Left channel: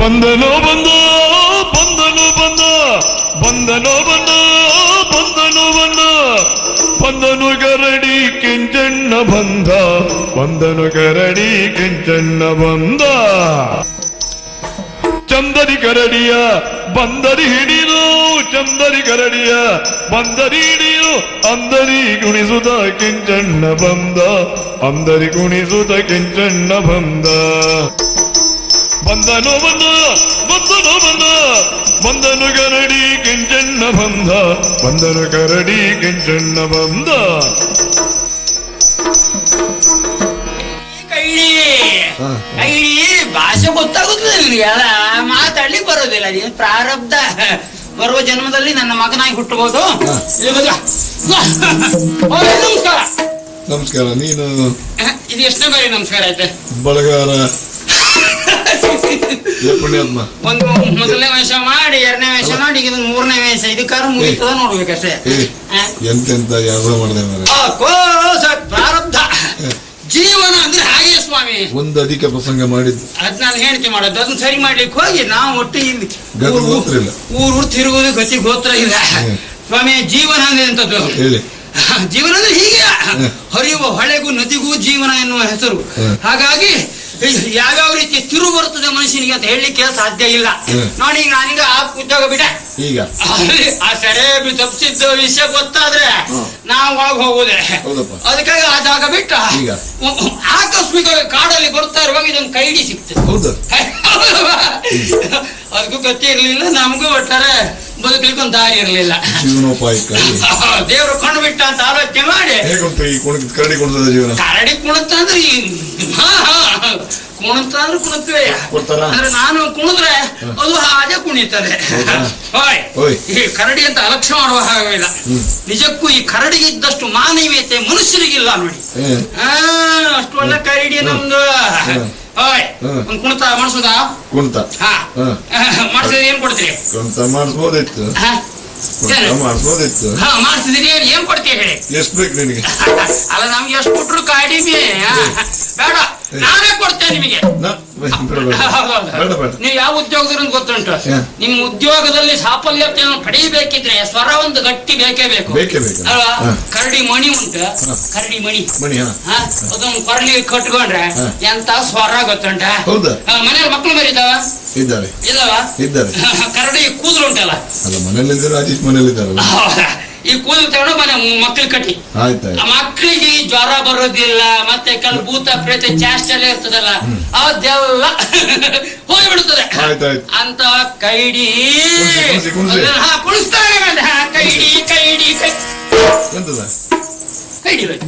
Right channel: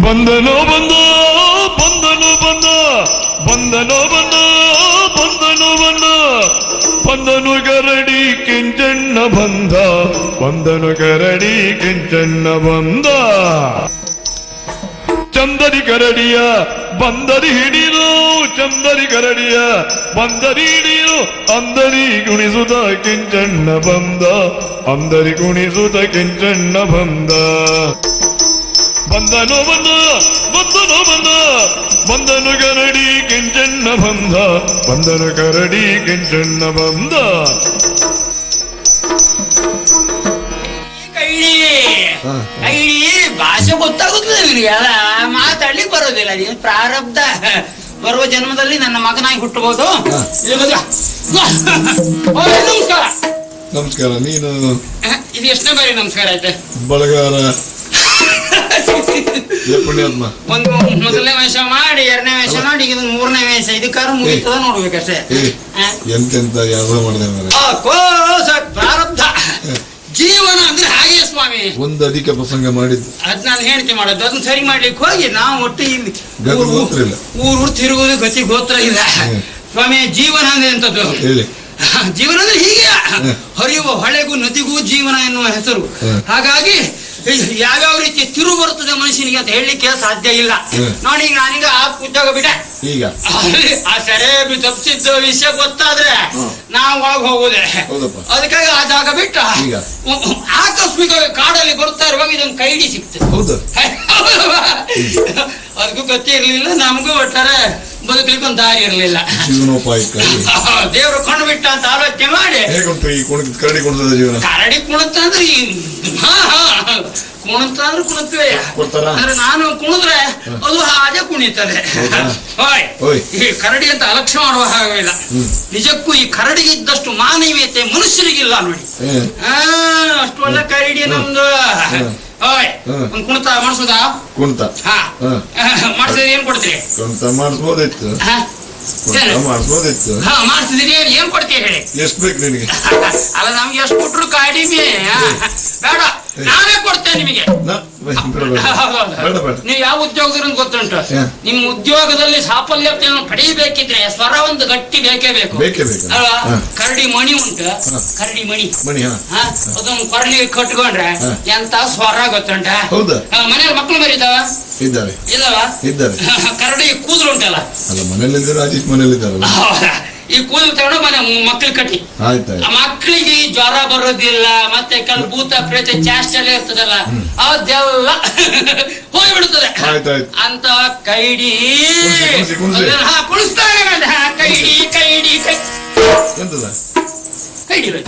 ಬಂದನೋ ಬಂದ ಬಂದನು ಬಂದ ಬಂದನೋ ಬಂದ ಬಂದನು ಬಂದ ಬಂದನು ಗರಡಿ ಕಿಂಚಣ್ಣ ಬಂದ ಬಂದನು ಗರಡಿ ಕಿಂಚಣ್ಣ ಬಂದ ಚಂದರಿ ಗರಡಿಯ ಬಂದರಿ ಹಿಡಿಯು ಚಂದರಿ ಗರಡಿಯ ಬಂದರಿ ಹಿಡಿಯು ಅಂದರಿ ಗುಣಿಸುದ ಕಿಂಚಣ್ಣ ಬಂದ ಅಂದರಿ ಗುಣಿಸುದ ಕಿಂಚಣ್ಣ ಬಂದ ಬಂದನು ಬಂದ ಬಂದನು ಬಂದ ಬಂದನು ಗರಡಿ ಕಿಂಚಣ್ಣ ಬಂದ ಬಂದನು ಗರಡಿ ಕಿಂಚಣ್ಣ ಬಂದ ಭಾಷೆ ಗೊತ್ತಾಗುದಿಲ್ಲ ಮಾತಾಡಿ ಬರೋದಿಲ್ಲ ಏನ್ ಪ್ರಾರಬ್ಧ ಬರುವ ಜನ್ಮದಲ್ಲಿ ನನ್ನ ಮಗನಾಗಿ ಹುಟ್ಟಬಹುದು. ನಮಸ್ಕಾರ. ನೀನು ಇದು ಎಷ್ಟು ಬೇರೆ ನಮಸ್ಕಾರ ಇದೆ ಬರಗಾಲ ಒಂದು ಮೊದಲನೇ ವೇಷ ಮಾಡಿ ಎರಡನೇ ವೇಷ ಮಾಡಿ ಇದು ಮೂರನೇ ವೇಷ ಇದಕ್ಕಾರ ಮುಗಿತದ ನೋಡ್ಬೇಕಷ್ಟೇ. ಎಂತೆಂತ ಪ್ರಾರಬ್ಧ ಜೀವನ ಅಂದ್ರೆ ಹಾಗೆ ಸ್ವಾಮಿ. ಒಂದು ಅಧಿಕ ಪ್ರಸಂಗ ಮಾಡಿ ಅದ್ ನಾನು ಹೇಳ್ತೀನಿ ಮಾಡೋದು ಅದನ್ನ ಸರಿ ಮಾಡ್ಲಿಕ್ಕೆ ಹೋಗಿ ನಾವು ಒಟ್ಟಿಗೆ ಊರು ತಿರುವುದು ಗತಿ ಗೋತ್ರ ಇಲ್ಲ ಸ್ವಾಮಿ. ಜೀವನ ಅಂದ್ರೆ ಎಂತದ್ದು? ಜೀವನ ಅಂದ್ರೆ ಹೀಗೆ ಹರಿಯುವ ಹೊಳೆಗೂ ನದಿಗೂ ಜೀವನ ಎನ್ನುವ ಹೆಸರು. ಹಾಗಾಗಿ ಯಾವ್ಯಾವ ರೀತಿ ತಿರುವು ಬರ್ತದೆ ಮನುಷ್ಯನಿಗೆ ಅಂತ ಹೇಳಿಕೆ ಸಾಧ್ಯ ಇಲ್ಲ. ನೋಡಿ ನಾನೀಗ ಉದ್ಯೋಗ ಬಿಡ ಆ ಕಡೆ ತಪ್ಪಿಸಿದ್ದ ವಿಷಯ ಗೊತ್ತಾದ್ರೆ ನಾವು ಹೋಗುದೇ ಅದಕ್ಕಾಗಿ ಆ ಜಾಗ ಬಿಟ್ಟ ಆಕಸ್ಮಿಕ ಕಾಡಲ್ಲಿ ಬರ್ತಾ ಇರುವಾಗ ಇದೊಂದು ಕೈಗೆ ಸಿಗ್ತದೆ. ಅದಕ್ಕೂ ಗತಿ ಇರ್ಲಿಲ್ಲ ನಮಗೂ ಒಟ್ಟಾರೆ ಬದುಕಲಿಕ್ಕೆ ಒಂದು ದಾರಿ ಇರಲಿಲ್ಲ. ದೇವರು ಕಣ್ಬಿಟ್ಟ ಅಂತ ಆಲೋಚನೆ ಮಾಡಿ ಕರಡಿ ಕುಣತಂದ್ರೆ ಕುಣತ್ವೆ ನಾನು ಕುಣಿದ್ರೆ ಅದು ಹಾಗೆ ಕುಣಿತಾರೆ. ಈ ಕರಡಿ ಅಂತ ಅಲಕ್ಷ್ಯ ಮಾಡುವ ಹಾಗಿಲ್ಲ. ನಿಜಕ್ಕೂ ಈ ಕರಡಿ ಇದ್ದಷ್ಟು ಮಾನವೀಯತೆ ಮನುಷ್ಯರಿಗಿಲ್ಲ ನೋಡಿ. ಅಷ್ಟು ಒಳ್ಳೆ ಕರಡಿ ನಮ್ದು. ಕುಣಿತ ಮಾಡಿಸದ ಮಾಡಿಸಿದ್ರೆ ಏನ್ ಕೊಡ್ತೀರಿ? ಮಾಡಿಸಿದ್ರೆ ಏನ್ ಕೊಡ್ತೀರಿ? ಅದು ನಮ್ಗೆ ಎಷ್ಟು ಕೊಟ್ರು ಕಡಿಮೆ ಬೇಡ, ನಾವೇ ಕೊಡ್ತೇವೆ ನಿಮಗೆ. ನೀವು ಯಾವ ಉದ್ಯೋಗದಲ್ಲಿ ಗೊತ್ತುಂಟು? ನಿಮ್ ಉದ್ಯೋಗದಲ್ಲಿ ಸಾಫಲ್ಯತೆಯನ್ನು ಪಡೆಯಬೇಕಿದ್ರೆ ಸ್ವರ ಒಂದು ಗಟ್ಟಿ ಬೇಕೇ ಬೇಕು. ಕರಡಿ ಮಣಿ ಉಂಟು, ಕರಡಿ ಮಣಿ ಅದನ್ನು ಕರಡಿ ಕಟ್ಕೊಂಡ್ರೆ ಎಂತ ಸ್ವರ ಗೊತ್ತುಂಟ? ಮನೆ ಮಕ್ಕಳು ಇದಾವ ಕರಡಿ ಕೂದಲು ಉಂಟಲ್ಲ, ಈ ಕೂದಲು ತಗೊಂಡು ಮಕ್ಕಳು ಕಟ್ಟಿ ಮಕ್ಕಳಿಗೆ ಜ್ವರ ಬರೋದಿಲ್ಲ, ಮತ್ತೆ ಭೂತ ಪ್ರೇತ ಚಾಸ್ಟರ್ ಇರ್ತದಲ್ಲ ಅದೆಲ್ಲ ಹೋಗ್ಬಿಡುತ್ತದೆ ಅಂತ ಕೈಡಿ ಕೈಡಿ ಕೈಡಿ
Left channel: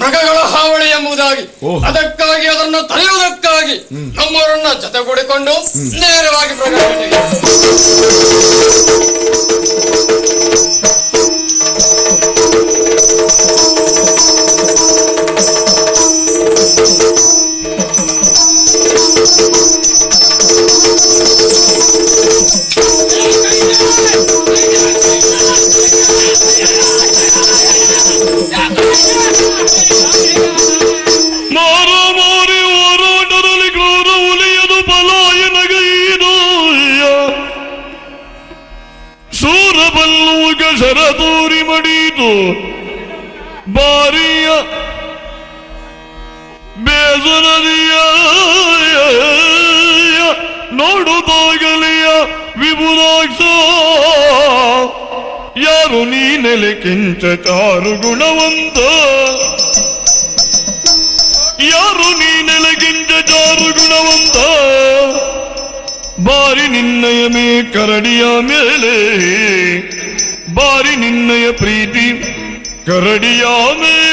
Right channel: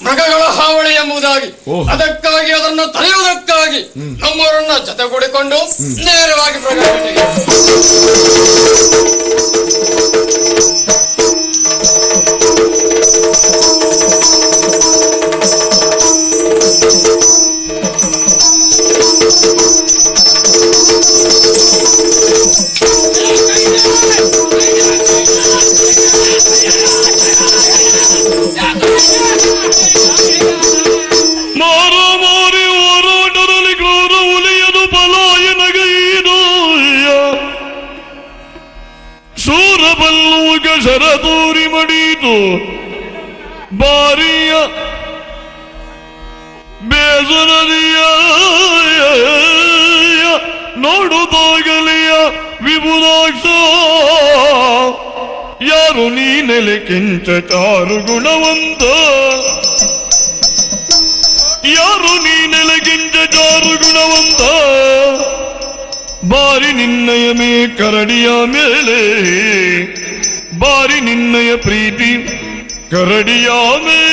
ಮೃಗಗಳ ಹಾವಳಿ ಎಂಬುದಾಗಿ, ಅದಕ್ಕಾಗಿ ಅದನ್ನು ತಡೆಯುವುದಕ್ಕಾಗಿ ನಮ್ಮವರನ್ನ ಜೊತೆಗೂಡಿಕೊಂಡು ನೇರವಾಗಿ ಬಾರಿಯ ಬೇದರಿಯ ನೋಡುವಾಗಲಿಯ ವಿಭುಲಾಕ್ಷ ಯಾರು ನೀನೆಲೆ ಕೆಂಚ ಚಾರು ಗುಣವಂತ ಯಾರು ನೀನೆಲೆ ಕೆಂಚ ಚಾರು ಗುಣವಂತ ಬಾರಿ ನಿನ್ನಯ ಮೇ ಕರಡಿಯ ಮೇಲೆ ಬಾರಿ ನಿನ್ನಯ ಪ್ರೀತಿ ಕರಡಿಯ ಮೇಲೆ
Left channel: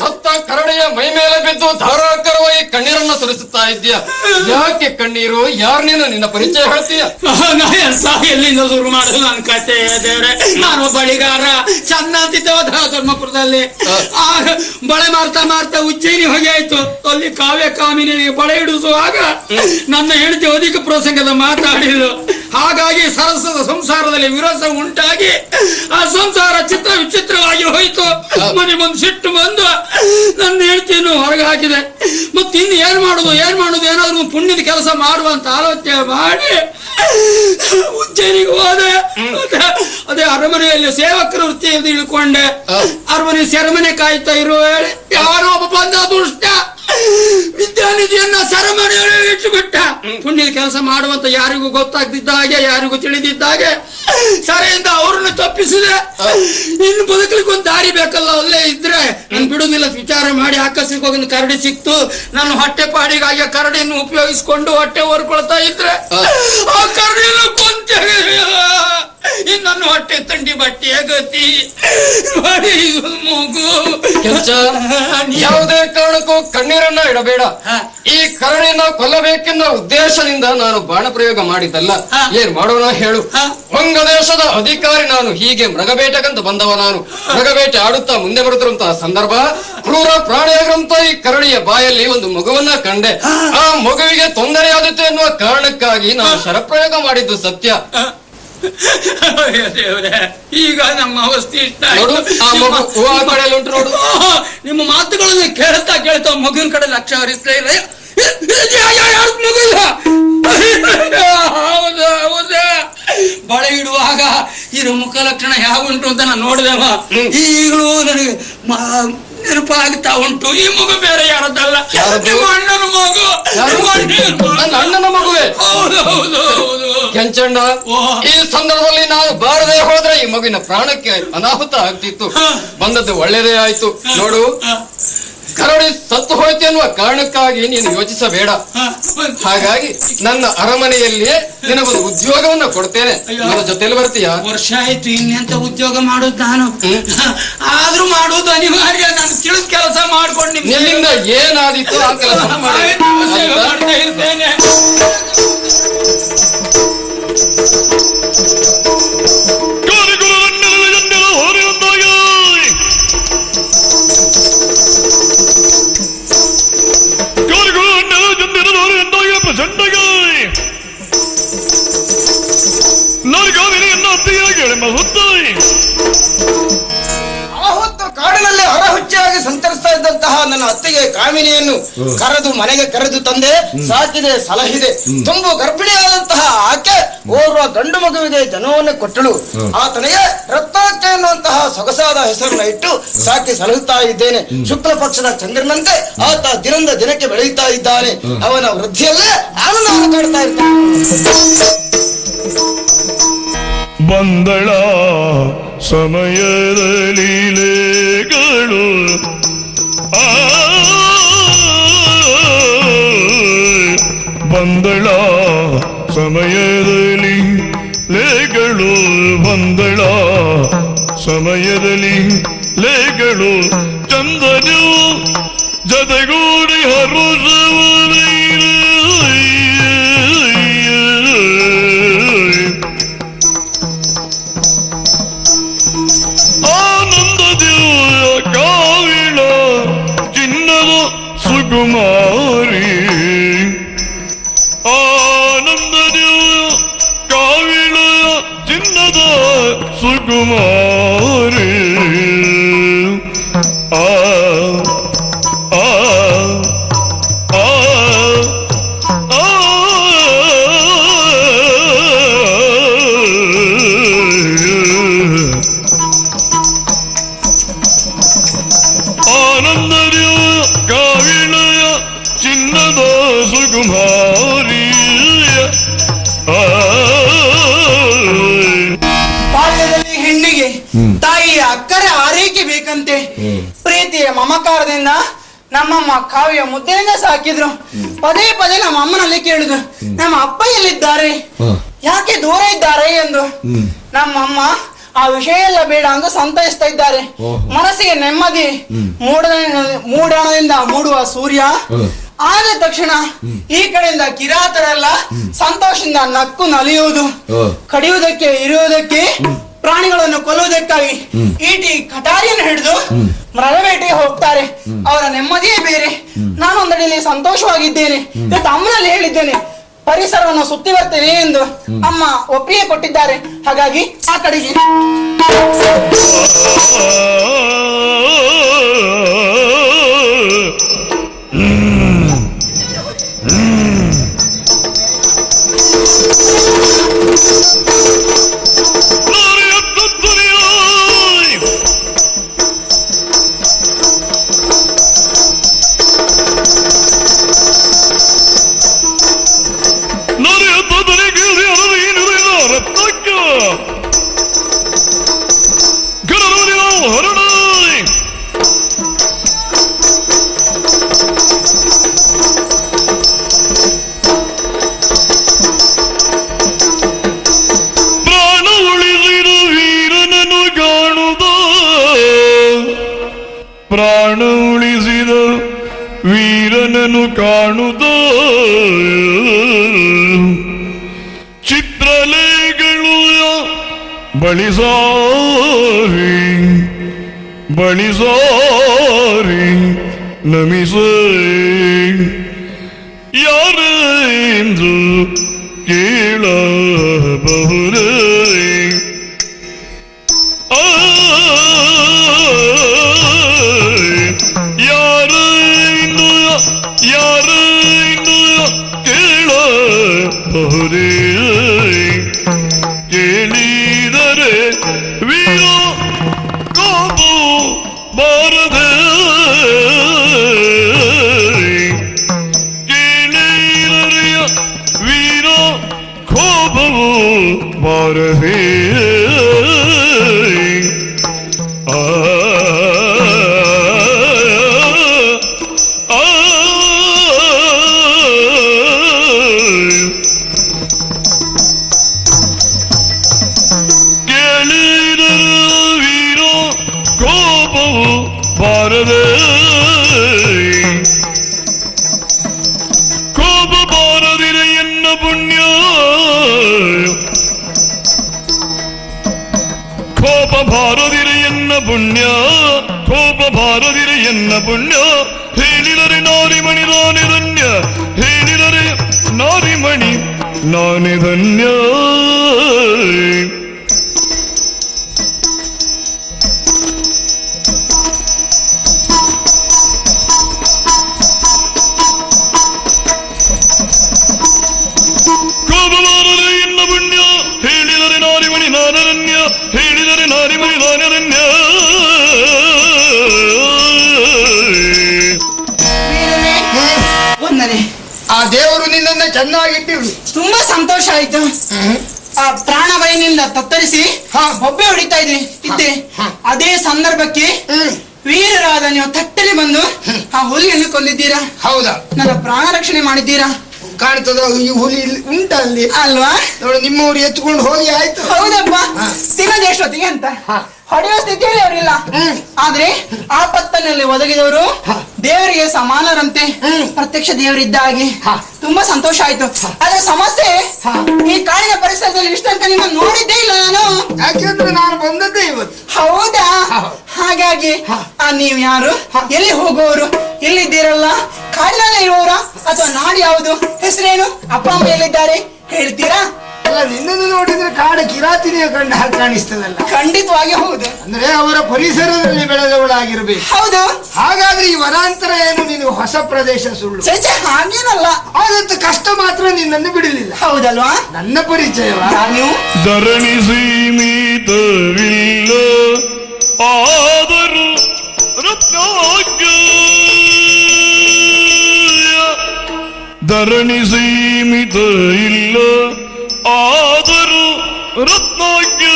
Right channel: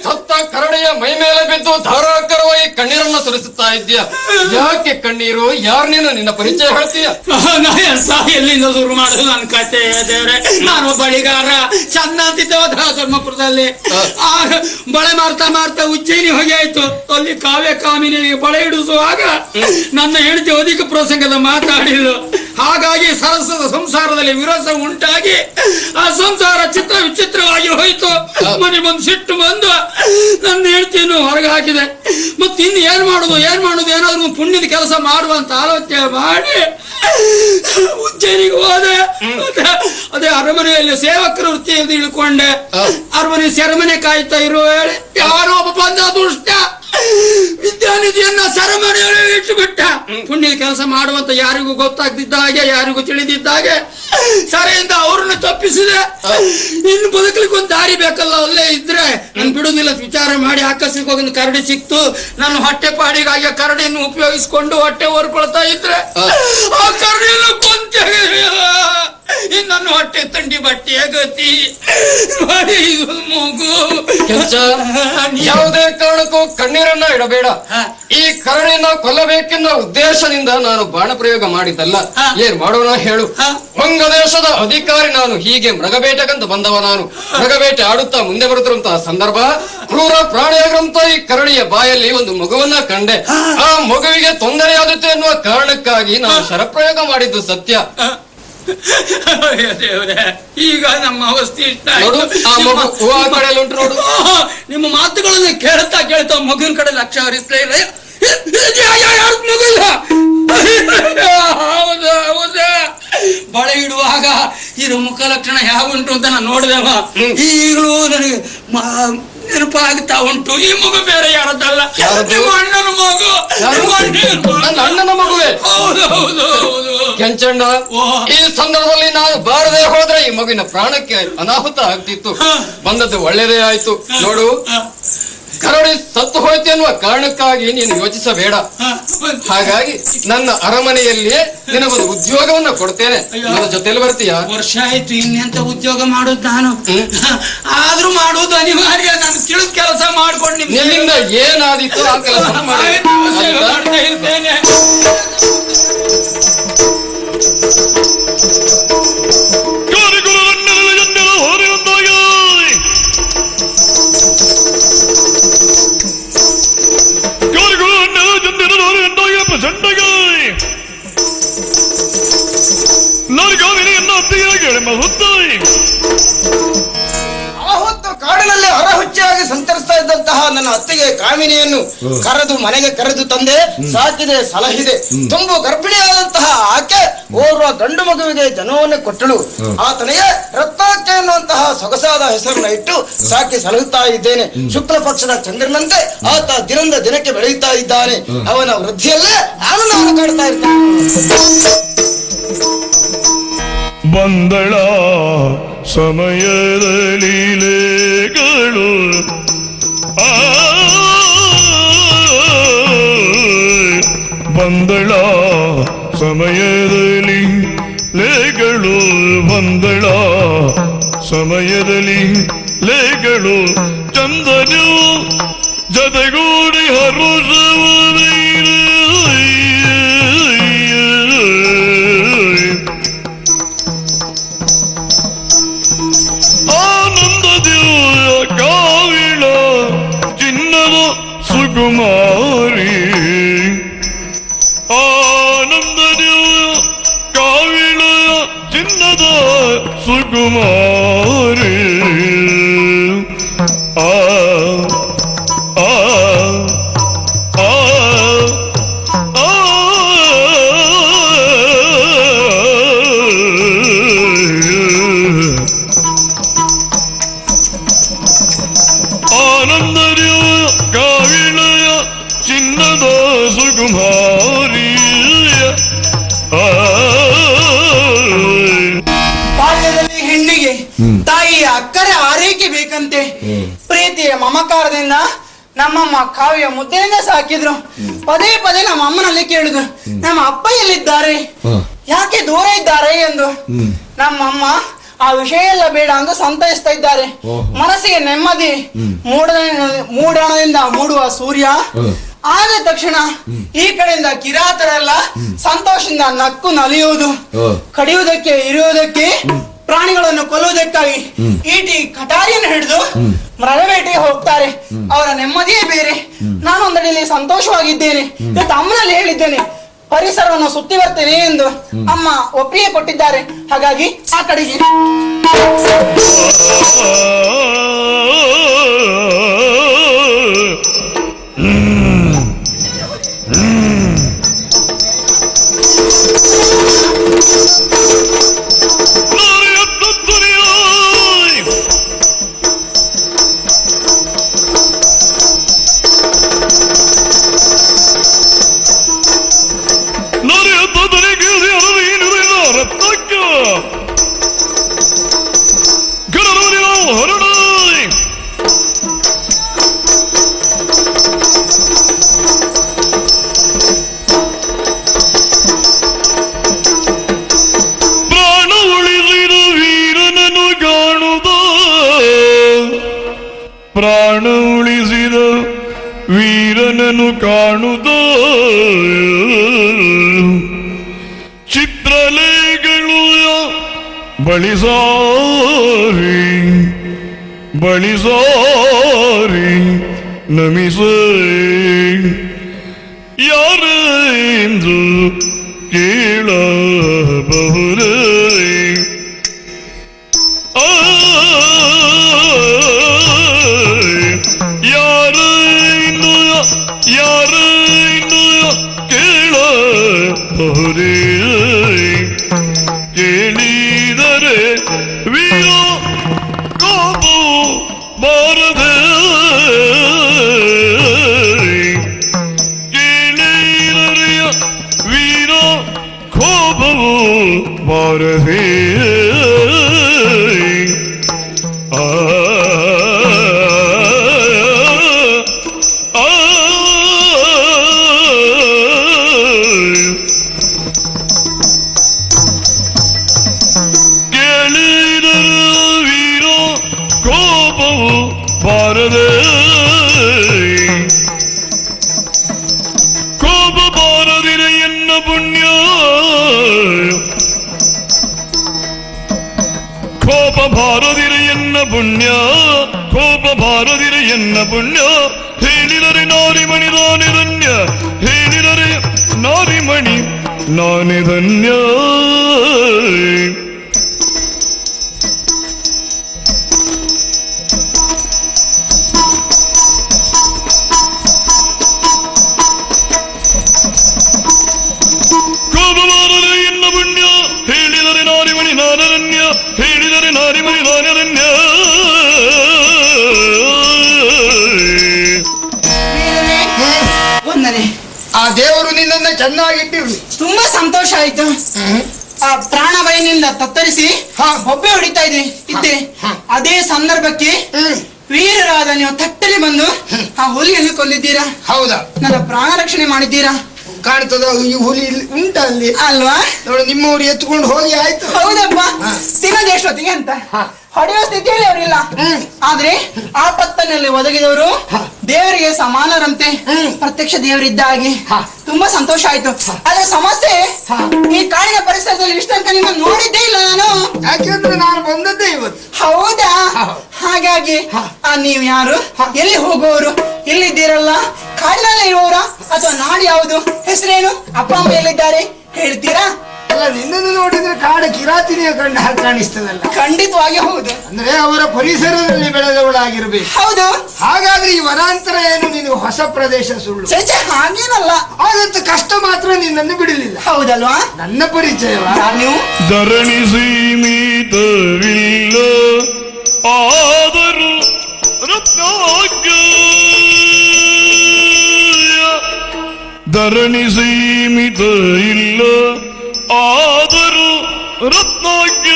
ಸತ್ತ ಕರಡಿಯ ಮೈ ಮೇಲೆ ಬಿದ್ದು ಧಾರಾಕಾರವಾಗಿ ಕಣ್ಣೀರನ್ನು ಸುರಿಸುತ್ತಾ ಇದೆಯಾ? ಯಾಕೆ ಕಣ್ಣೀರು? ಯಾವನೇನು ನಿನ್ನ ಪರಿಚಯ ಹೇಳ್ತೀಯ? ನಾನು ಬಳಿಗಾರ ಧರ್ಮಪುರದಲ್ಲಿ ಬಳೆ ಮಾಡ್ತಾ ಮಾಡ್ತಾ ಉಜ್ಜಯಿನಿ ಹೊಗೆ ಆಯ್ತು. ಅಲ್ಲಿ ಕಾವ್ಯ ಕಾಮಿನಿಗೆ ಬಳೆ ಹಿಡಿಸುವಾಗ ನನ್ನ ಹೆಂಡತಿ ಅಧಿಕ ಪ್ರಸಂಗದ ಮಾತಾಡಿದ್ರು. ಹಾಗಾಗಿ ಸಹಸ್ರದ ಸಂಸಾರದಲ್ಲಿ ವಿರೋಧ ಉಂಟಾಗಿ ಆ ಸಂಸಾರ ಚಿತ್ರ ವಿಚಿತ್ರವಾಗಿ ಹೋಯ್ತು. ಮನೆಗೊಂದು ಸಿಟ್ಟು ಬಂದು ನನ್ನ ಹೆಂಡತಿಯನ್ನು ಹೊರಗೆ ಹಾಕಿದೆ. ಮತ್ತೆ ಇನ್ನು ಏನ್ ಮಾಡುದು ಏನಾದ್ರು ಪುಣ್ಯ ಕೆಲಸ ಮಾಡುವಂತ ಆಲೋಚನೆ ಮಾಡಿ ಉಜ್ಜಯಿನಿಗೆ ಹೋದೆ. ಅದೇ ಅರಮನೆಯಲ್ಲಿ ಸೇವಕರ ವೃತ್ತಿಯನ್ನು ಇಳ್ಕೊಂಡೆ. ಅರಮನೆ ಸೆರಮನೆ ಕಾಯ್ತಾ ಇರುವ ಯಾರೋ ಒಬ್ಬ ದುಷ್ಟ ವಿದ್ಯಾನಿಧಿಯನ್ನ ಸೆರಮನೆ ಇಟ್ಟುಬಿಟ್ಟ. ಪುಣ್ಯ ಕೆಲಸ ಮಾಡುವಂತ ಯಾರಿಗೂ ಗೊತ್ತಾಗ್ತಿದ್ದ ಹಾಗೆ ಯಾರಿಗೂ ತಿಳಿದಿದ್ದ ಹಾಗೆ ಸರಿಯಿಂದ ಅವ್ರನ್ನ ತಪ್ಪಿಸಿದ್ರೆ ಇನ್ನು ಬದುಕಲಿಕ್ಕೆ ದಾರಿ ಬೇಕಲ್ಲ. ಅಲ್ಲೇ ಇದ್ರೆ ಬಿಡುದಿಲ್ಲ ವಿಚಾರ ಮಾಡಿ ಆಕಸ್ಮಿಕ ಒಂದು ಕರಡಿ ಸಿಕ್ತು. ನಾನು ಹೊಟ್ಟೆ ಪಾಡಿಗಾಗಿ ಕರಡಿಯನ್ನು ಉಪಯೋಗಿಸಿಕೊಂಡು ಹೊಟ್ಟೆ ಹೊರ್ಕೊಳ್ತಾ ಇದ್ರೆ ಆ ಕರಡಿಯನ್ನು ಕೊಂತೇವೆ. ನಾನು ಹೊಟ್ಟೆ ತಂಡಿ ಬಟ್ಟೆ ಗತಿ ಮೂಗು ಯಾವುದೇ ಕಾರಣಕ್ಕೂ ಕಣ್ಣೀರನ್ನ ಇಡಬೇಡ. ಈ ಕರಡಿನ ಕೊಲ್ಲಬೇಕೆನ್ನುವ ಉದ್ದೇಶದಿಂದ ನಾನು ಬಾಣ ಪ್ರಯೋಗ ಮಾಡಿದ್ದಲ್ಲ. ಏನ್ ಮಾಡೋಣ ಹೇಳು? ಬಂಗದೇಶದ ಅಧಿಕಾರಿ ನಾನು. ಹೀಗೆ ಮೃಗವೇಟೆಗೆಂದು ಬಂದವ ನಾನು. ಮೃಗವೇಟೆ ಆಡುತ್ತಾ ಮುಂದೆ ಬರುತ್ತಿರುವಂತಹ ಸಂದರ್ಭ ಕ್ರೂರ ಪ್ರಾಣಿಯಾದಂತ ಈ ಕರಡಿಯ ಬಾಯಲ್ಲಿ ಒಂದು ಮಗುವನ್ನ ಕಂಡೆ. ಆ ಮಗುವಿಗೆ ತೊಂದರೆ ಆಗುತ್ತೆ ಎನ್ನುವ ಕಾರಣಕ್ಕಾಗಿ ನಾನು ಶರಪ್ರಯೋಗ ಮಾಡಿದ್ದು ಸತ್ಯ. ಈಗ ನಮ್ಮ ಅವಸ್ಥೆ ಉಂಟು. ನಿಮ್ಮ ಮಾತುಗಳನ್ನು ಕೇಳ್ತಾ ಮಗುವಿನ ಕಡೆ ಲಕ್ಷ್ಯ ಹರಿಸ್ತಾ ಇದೆ. ಬಳೆ ಇರುವಾಗ ಇದ್ರ ಮುಖ ಲಕ್ಷಣ ಯಾವ ಉಂಟು ಅಂತ ನಾನು ನೋಡಿದೆವ. ಈಗಲೂ ನೆನಪಾಗ್ತಾ ಉಂಟು. ಈ ಮಗು ಬೇರೆ ಯಾವ್ದಲ್ಲ, ಕೆಂಚಣ್ಣ, ಈ ಸಂದರ್ಭದಲ್ಲಿ ನಾವು ಬಾರದೆ ಹೋದ್ರೆ ಈ ಮಗುವಿನ ಪ್ರಾಣಕ್ಕೆ ಅನಾಹುತ ಆಗ್ತಿತ್ತು. ಬಂದದ್ದು ಒಳ್ಳೆಯದೇ ಆಯ್ತು. ನೋಡು, ಕರಡಿ ಸತ್ತು ಹೋಯ್ತು ಎನ್ನುವ ಕಾರಣಕ್ಕಾಗಿ ನೀನು ಯೋಚಿಸಬೇಡ. ಹಾಗಾಗಿ ನನ್ನ ಅರಮನೆಯಲ್ಲಿಯೇ ನಿನಗೆ ಉದ್ಯೋಗವನ್ನು ಕೊಡ್ತೇನೆ. ನನ್ನ ಜೊತೆಲಿ ಬರ್ತೀಯಾ? ವರ್ಷ ಆಯ್ತು ಇನ್ನೆಂತ ಉದ್ಯೋಗ ಮಾಡುತ್ತ ಆದ್ರೂ ಮಾಡುವುದು ಅನಿವಾರ್ಯ. ನಾನು ತಿಳಿದು ಕೆಲಸ ಮಾಡ್ಕೊಂಡಿದ್ದೀನಿ. ನಿನ್ನಿಂದ ಏನಾದಿತ್ತು ಆ ಕೆಲಸ ಕಾಮಿನಿಯನ್ನು ಕರೆದು ಮನೆಗೆ ಕರೆದು ತಂದೆ ಸಾಕಿದೆ ಸಲಹಿದೆ. ತುಂಬ ಗರ್ಭಿಣಿಯಾದಂತಹ ಆಕೆ ಓರ್ವ ಗಂಡು ಮಗುವಿಗೆ ಜನ್ಮವನ್ನು ಕೊಟ್ಟಳು. ಆತನಿಗೆ ರತ್ನಾಕೆ ಎನ್ನುವಂತಹ ಸೊಗಸಾದ ಹೆಸರನ್ನು ಇಟ್ಟು ಸಾಕಿ ಸಲಹುತ್ತಾ ಇದ್ದೇನೆ. ಶುಕ್ಲ ಪಕ್ಷದ ಚಂದ್ರನಂತೆ ಆತ ದಿನದಿಂದ ದಿನಕ್ಕೆ ಬೆಳೆಯುತ್ತಾ ಇದ್ದಾನೆ. ಅವನ ವೃದ್ಧಿಯಲ್ಲೇ ಬಂದಳ ಸಮಯಗಳು ಬಂದಳ ಸಮಯದಲ್ಲಿ ಲೇಗಳು ಬಂದಳ ಸಮಯದಲ್ಲಿ ಲೇಗಳು ಚಂದನು ಜನಗೂಡಿ ಆನಂದದ ಕಾವಿನ ಚಿನ್ನ ಸುಗುಮಾರಿ ಸುಗುಮಾರಿ ಆ ಬಾವಿಯ ಮುದ್ದೆಯನ್ನೇ ಸಾಕಿದ್ರು. ಪದೇ ಪದೇ ನಮ್ಮ ಅಮ್ಮನಲ್ಲಿ ಕೇಳಿದ್ರು, ನಮ್ಮ ಅಪ್ಪ ಎಲ್ಲಿದ್ದಾರೆ, ಯಾಕೆ ದೂರ ಇದ್ದಾರೆ ಎಂದು. ನಮ್ಮಮ್ಮ ಆ ವಿಷಯ ಎಲ್ಲ ಬೇಡ ಅಂತ ಸಂತೈಸ್ತಾ ಇದ್ದಾರೆ. ಮನಸ್ಸಿಗೆ ನೆಮ್ಮದಿ. ಮೂಡಣದಿಂದ ಮೂಡುವ ಸೂರ್ಯ ಆದ ತಕ್ಷಣ ಈ ಕಡೆಯಿಂದ ಕಿರಾತರೆಲ್ಲ ಸಂತೋಷದಿಂದ ನಕ್ಕು ನಲಿಯುವುದು. ಕಡಿಯುವುದಕ್ಕೆ ಇರುವುದಕ್ಕೆ ಪ್ರಾಣಿಗಳನ್ನು ಕೊಲ್ಲುವುದಕ್ಕಾಗಿ ಈಟಿ ಕಟಾರಿಯನ್ನು ಹಿಡಿದು ಮರಬೇಟೆಗೆ ಹೋಗ್ತಾರೆ. ಅವರ ನೆಮ್ಮದಿಯೇ ಬೇರೆ. ನಾನು ಅದರಲ್ಲಿ ಸಂತೋಷವಾಗಿದ್ದೇನೆ. ಅಮ್ಮನಲ್ಲಿ ಹೇಳಿದ್ದೇನೆ ಪರಿಸರವನ್ನು ಸುತ್ತಿ ಬರ್ತೇನೆ ಎಂದು. ಅಮ್ಮ ಒಪ್ಪಿಗೆ ಕೊಟ್ಟಿದ್ದಾರೆ. ಹಾಗಾಗಿ ಆ ಕಡೆಗೆ ವೀರನನ್ನು ಕಾಣುವುದು ಚಿತ್ರಲೇಖಗಳು ಬಳಿಸಾರಿ ಬಳಿಸಾರಿ ನಮಿಸೇ ಯಾರೆಂದು ಕೇಳಬಹುದೇ ನಾನಿರಣ್ಯ ಆ ದೇವರು ನಿನ್ನನ್ನು ಚೆನ್ನಾಗಿಟ್ಟಿರು. ತುಂಬಾ ಸಂತೋಷ ಆಯ್ತು. ಆ ಪ್ರಾಣವಾಯುವಿನಿಂದ ತತ್ತರಿಸಿ ಹೊಬ್ಬೆ ಹೊಡಿತಾ ಇದ್ದೆ. ಅದೇ ಸಂದರ್ಭಕ್ಕೆ ವೀರರಾದ ನೀವು ತಟ್ಟಲ್ಲಿ ಬಂದು ಆ ಹುಲಿ ಹಿಡಿದುಕೊಂಡಿದ್ದೀರಾ. ಹೌದಾ? ನನ್ನ ಪ್ರಾಣ ರಕ್ಷಣೆ ಮಾಡಿದ್ದೀರಾ. ಕಾಣ್ತದ ಈ ಹುಲಿ ಉಂಟಲ್ಲಿ ಅಲ್ವಾ? ನಿಮ್ಮವ್ರು ಎತ್ಕೊಂಡು ಹೋಗಿ ಆಯ್ತು. ಹೌದಮ್ಮ, ಸಿಗಲಿ ಎಷ್ಟೊತ್ತಿಗೆ ಅಂತ ಹೊಡೆಯೋ ಸ್ಥಿತಿಯೇ ಇರಲಿಲ್ಲ. ಆದ್ರೆ ಆಪತ್ತಿನಲ್ಲಿ ಒದಗಿಯವರು ದೇವರಿಗೆ ಸಮಾನರಂತೆ, ಪ್ರತ್ಯಕ್ಷ ದೇವರಿದ್ದ ಹಾಗೆ. ತುಂಬಾ ಸಂತೋಷ ಆಯ್ತು. ಅದೇ ಸಮಸ್ಯೆ, ಈ ಕಾಯಿಯ ಪರಿಸರದಲ್ಲಿ ಇಷ್ಟೊಂದು ನೋಡಿದ್ದೇ ಇಲ್ಲ ನಾನು. ಯಾಕೆಂದ್ರೆ ನಾನು ಬಂದದ್ದೇ ಇವತ್ತು. ಹೌದಾ? ಹಾಗಾಗಿ ನೀವ್ ಯಾರು, ಎಲ್ಲಿ ಹೋಗುವವರು, ಎಲ್ಲಿದ್ದೀರಲ್ಲ, ಕಾಯಿಲೆ ಇರುವವರ ಅಥವಾ ನಾಡು ಯಾವುದು, ಹೆಸರೇನು, ಅಪ್ಪ ಅಮ್ಮ ಎಲ್ಲಿದ್ದಾರೆ ಹೇಳ್ತೀರಾ? ನಿನ್ನನ್ನು ನೋಡಿದ್ರೆ ಕಾಡ ಕಿರಾತಿನಿಯ ಕಂಡು ಹಾಗೆ ಕಾಣಿಸ್ತದಲ್ಲ. ಖಂಡಿತವಾಗಿ ಹೌದು. ಅಂದ್ರೆ ಅವರ ಪರಿಸರದಲ್ಲಿ ಬೆಳೆದವಳಾಗಿರ್ಬೇಕು. ಹೌದು. ಹಾಗಾದ್ರೆ ಈ ವನಾಂತರ ಏನು ನೀನು ಹೊಸ ಪ್ರದೇಶ ಸುಳ್ಳು. ಹಾಗೇನಲ್ಲ, ಆದಷ್ಟು ಕಷ್ಟ ಮಾತ್ರ ನಿನ್ನನ್ನು ಬಿಡಲಿಲ್ಲ. ಹೌದಲ್ವಾ? ನನ್ನ ಪರಿಚಯ ನಾನು ಧರಣಿ ಸೀಮಿತವಿಲ್ಲ ಆದರೂ ರತ್ನಾಗ್ಯ ಧರಣಿ ಸೀಮಿತ ಇಲ್ಲ ಆದರೂ ರತ್ನಾಗ್ಯ